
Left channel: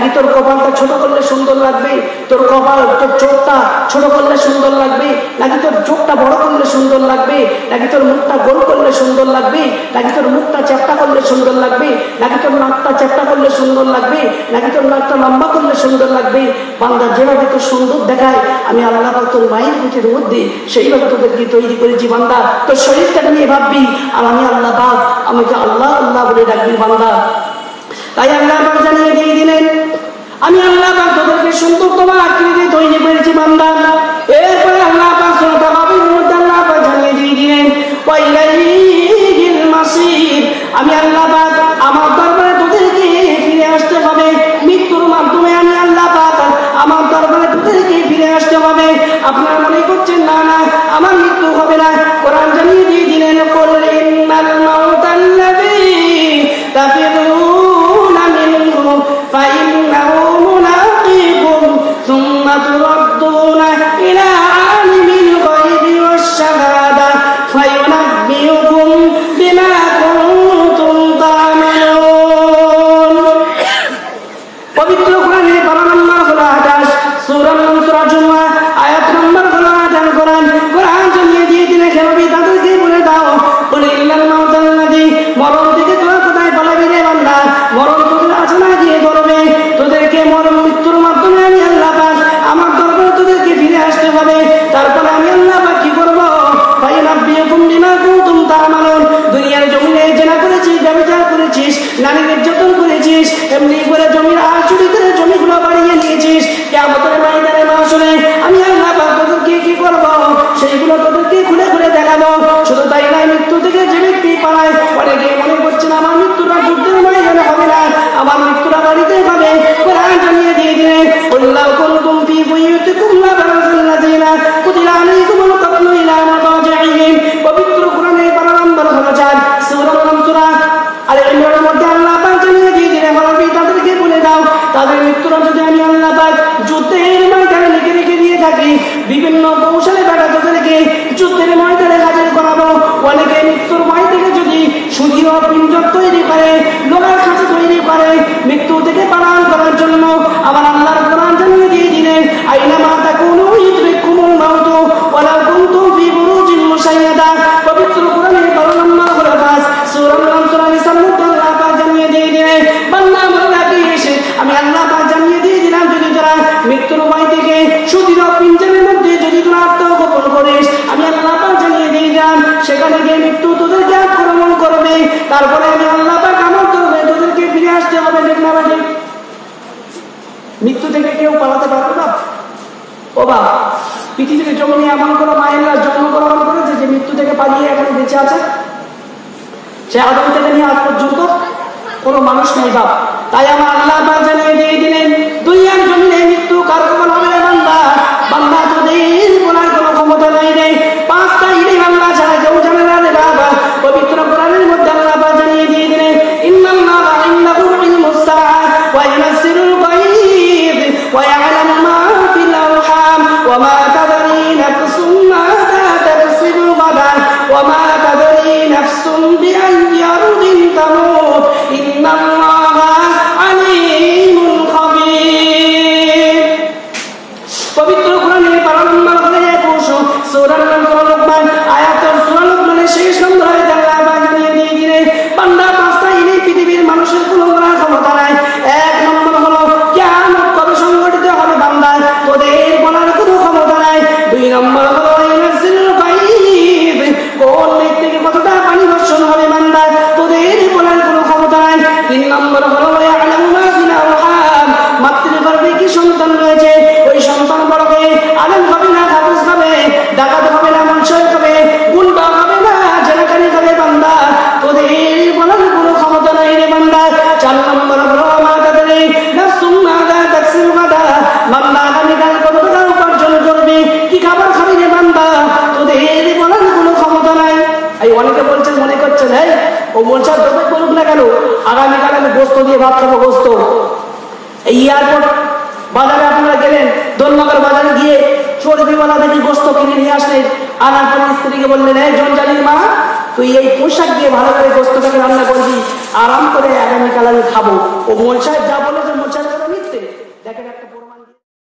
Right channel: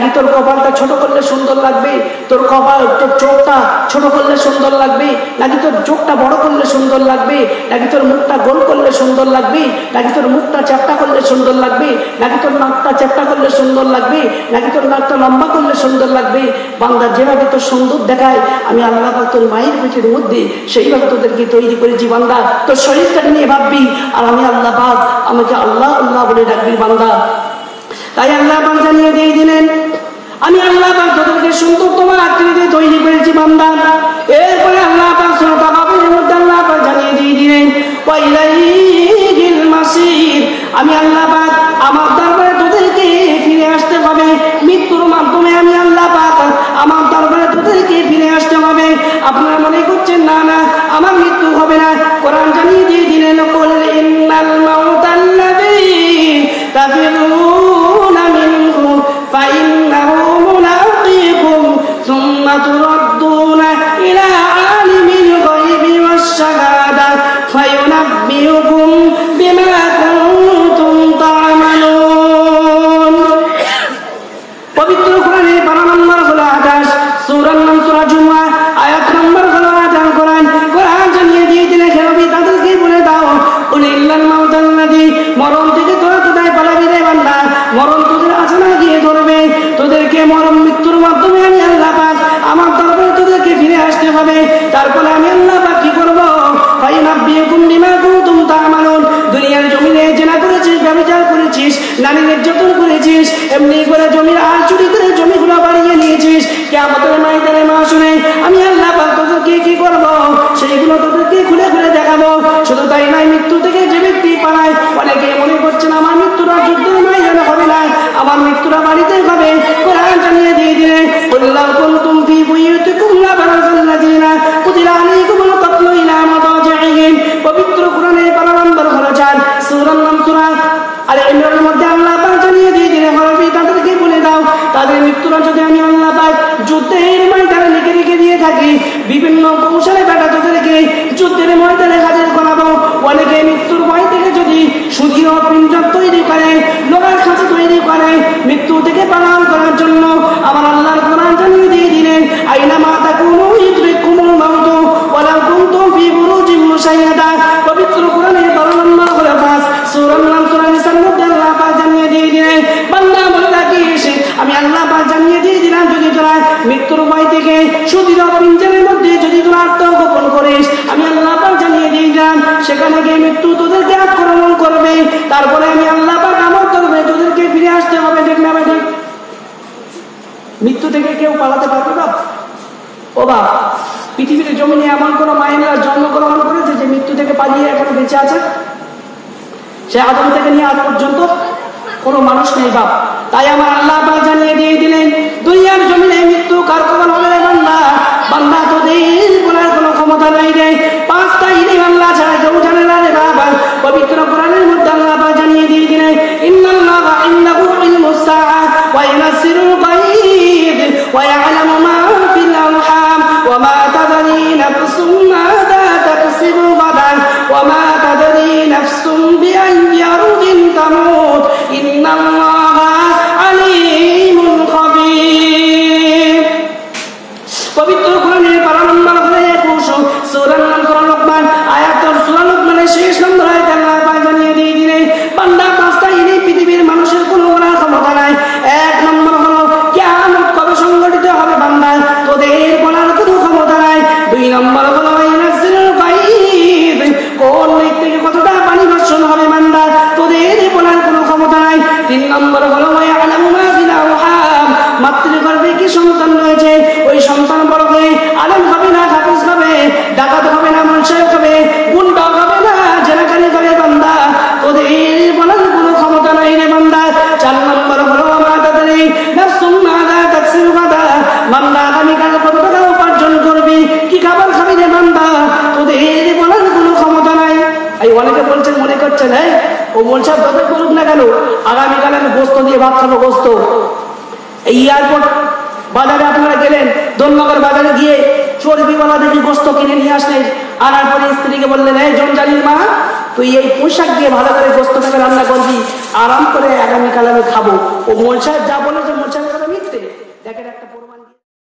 নাকি তোর কপালটা ছোট করলে সুন্দর লাগবে, তোর কপাল তোর চোখটা ছোট করলে সুন্দর লাগবে, নাকি তোর চোখটা বড় করলে সুন্দর লাগবে, নাকি তোর মুখটা গোল করলে সুন্দর লাগবে, নাকি তোর মুখটা চ্যাপ্টা করলে সুন্দর লাগবে, নাকি তোর নাকটা চ্যাপ্টা করলে সুন্দর লাগবে, নাকি তোর নাকটা লম্বা করলে সুন্দর লাগবে। বান্দা যেভাবে তোর সুন্দর দেখায় আমি আল্লাহ পাক তোর মায়ের পেটের মধ্যে সেইভাবে তোদেরকে তৈরি করেছি বান্দা। তোর শরীরটা নিয়ে ভাববি আর আমি আল্লাহ পাক আমাকে আল্লাহ আল্লাহ বলে ডাকবি বান্দা। তাই আল্লাহ পাক জানিয়ে দিয়ে দিলেন আমি আল্লাহ পাক তোদেরকে সুন্দর তোমার আকৃতিতে তৈরি করেছি বান্দা। এরপরে আল্লাহ পাক সূরা বাকারার মধ্যে আল্লাহ পাক জানিয়ে দিয়ে দিলেন ওয়াইলাইহিল মাসির, আমি আল্লাহ পাক আমার দরবারে তোদেরকে ফিরে আসতে হবে। মৃত্যুর মাধ্যমে আমি আল্লাহ পাক আমার দরবারে তোদেরকে ফিরে আসতে হবে। আপনারা মনে করছেন না না আমার মৃত্যু হবে না, কোরআন জানিয়ে দিয়ে দিলেন কুল ইন্নাল মাউতাল্লাযী তাফিরুনা মিনহু ফাইন্নাহু মুলাকীকুম সুম্মা তুরাদ্দুনা ইলা আলিমিল গায়বি ওয়াশ শাহাদা ফায়ুনাব্বিউকুম বিমা কুনতুম তা'মালুন। পবিত্র কোরআনে 12 নম্বর সূরা 28 সূরা সূরা জুমআ আয়াত নম্বর 12 কোরআন জানিয়ে দিয়ে দিলেন হে নবী তাদেরকে বলে দাও কুল ইন্নাল মাউতাল্লাযী, মরণ থেকে তোরা কোথায় পালাবি রে বান্দা, মরণ তোদের আছে না গিয়ে ধরবে। তোদেরকে মরণ মৃত্যুর মাধ্যমে আমি আল্লাহ পাক আমার দরবারে তোদেরকে ফিরে আসতে হবে। তারপরে আমি আল্লাহ পাক কি করবো ফায়ুনাব্বিউকুম বিমা কুনতুম তা'মালুন। দুনিয়ার জমিনে জেনা করেছিস, ব্যভিচার করেছিস, নারী নির্যাতন করেছিস, এমনি করে জমির আর চুরি করে জমিগুলো বাড়িয়ে নিয়েছিস, কিয়ামতের ময়দানে মাহশরে আমি আল্লাহ পাক তোদেরকে কি করবো সেইগুলো তোদেরকে খুলে খুলে দেখাবো। শুধু তাই নয়, মৃত্যু থেকে যে ব্যক্তি পালায় অনেকে মনে করছেন আমার মৃত্যুটা যুদ্ধের ময়দানে হবে না, আমার মৃত্যুটা বাড়িতে হবে। কোরআন জানিয়ে দিয়ে দিলেন কুল্লাউ কুনতুম ফি বুয়ুতিকুম লাবারাযাল্লাযীনা কুতিলা আলাইকুমুল কাতলু ইলা মাদাজি'হিম। পবিত্র কোরআনে 12 নম্বর সূরা আলে ইমরানের মধ্যে আল্লাহ পাক জানিয়ে দিয়ে দিলেন নবী তাদেরকে বলে দাও তাদের মৃত্যুটা যদি আমি আল্লাহ পাক যুদ্ধের ময়দানে লিখে রেখে দিয়ে থাকি, বিভিন্ন কৌশলে কাটা তাদেরকে যুদ্ধের ময়দানে হাজির করাবো। অনেকে মৃত্যুর ভয় থেকে যদি সুদৃঢ় পিঞ্জর তৈরি করে, লোহার খাঁচা তৈরি করে মৃত্যু থেকে পালন করার জন্য, আমার আল্লাহর কোরআন জানিয়ে দিয়ে দিলেন আইনামা তাকুনু ইউদরিকুমুল মাউতু ওয়ালাউ কুনতুম ফি বুরুজিন মুশাইয়াদা। পবিত্র কোরআনের 12 নম্বর সূরা নিসার মধ্যে আল্লাহ পাক জানিয়ে দিয়ে দিলেন বান্দা আমার রাখিস আমি আল্লাহ পাক জানিয়ে দিয়ে দিলাম যদি তোরা মৃত্যুর ভয় থেকে সুদৃঢ় পিঞ্জরের মধ্যে যদি তোরা আত্মগোপন করিস, আমি আল্লাহ পাক জানিয়ে দিয়ে দিলাম সেখানে গিয়ে মৃত্যু তোদেরকে আক্রমণ করবে। তারপরে আমি আল্লাহ পাক আমল করবে, তোদেরকে ফিরে আসতে হবে। ঠিক না ঠিক? মৃত্যু থেকে কেউ পালাতে পারবে না। ও বা পৃথিবীতে জমিনে এমন কোনো মায়েরা জন্মগ্রহণ করেছে যে মৃত্যু থেকে পালিয়ে এখনো বেঁচে আছে? সে আদম থেকে নিয়ে আজ পর্যন্ত কোন মানুষ নেই বাপ। তাই আমার আল্লাহ পাক জানিয়ে দিয়ে দিলেন দুনিয়ার জমিনে মৃত্যু কার কবল হবে বান্দা, বান্দা তোদের বলার কোনো ক্ষমতা নেই রে। 5টা ইলাহ আল্লাহ ছাড়া কেউ জানে না রে বাবা। পবিত্র কোরআনের মধ্যে আল্লাহ পাক জানিয়ে দিয়ে দিলেন ইন্নাল্লাহা ইনদাহু ইলমুস সাআ ওয়া ইউনাজ্জিলুল গায়ব ওয়া ইয়া'লামু মা ফিল আরহাম ওয়া মা তাদরি নাফসুম মাযা তাকসিবু গাদান ওয়া মা তাদরি নাফসুম বিআইয়ি আরদিন তামুত ইন্নাল্লাহা আলীমুন খাবীর। পবিত্র কোরআনের 12 নম্বর সূরা লোকমান আয়াত সূরা লোকমানের 6 নম্বর আয়াতে আল্লাহ পাক জানিয়ে দিয়ে দিলেন বান্দা 5টা ইনি পৃথিবীর মানুষের কোনো বলার ক্ষমতা নাই। 1 নম্বর হলো কিয়ামত কবে সংঘটিত হবে বান্দা, তোদের বলার কোনো ক্ষমতা নাই। 2 নম্বর হলো ইউনাজ্জিলুল গায়ব, কোন মেঘ থেকে কতটা পানি বর্ষণ হবে বান্দা, তোদের বলার কোনো ক্ষমতা নাই। 3 নম্বর হলো ইয়ালামু মা ফিল আরহাম, মাতৃগর্ভে কি সন্তান রয়েছে ওই সন্তান বড় হয়ে আলেম হবে না হাফেজ হবে, ডাকাত হবে না মুনশির হবে, গুন্ডা হবে না জেলখানি হবে বান্দা, তোদের বলার কোনো ক্ষমতা নাই রে বান্দা। 4 নম্বর হলো মা তাদরি নাফসুম মাযা তাকসিবু গাদান, বান্দা আগামীকাল কত টাকা উপার্জন করবি, কি খাবার খাবি রে বান্দা, তোদের বলার কোনো ক্ষমতা নাই। এই অনেকে বলছেন মনে করছেন হ্যাঁ ও বলছে যত করুক না কেন আগামীকাল আমি গোস্ত দিয়ে ভাত খাবো গোস্ত। এই এয়ারপোর্ট বাজারে আপনারা গেলেন, দোলনগর বাজারে গিয়ে চর্বিওয়ালা দেখি গোস্ত কিনে নিয়ে আসলেন, আনার পরে স্ত্রীকে বললেন এই জনজানির মা তুই এই পোশাক দিয়ে ভালো করে গোস্তটাকে রান্না করবি, আরাম করে আগামীকাল আমি খাবো। ও মোল সাহেব যা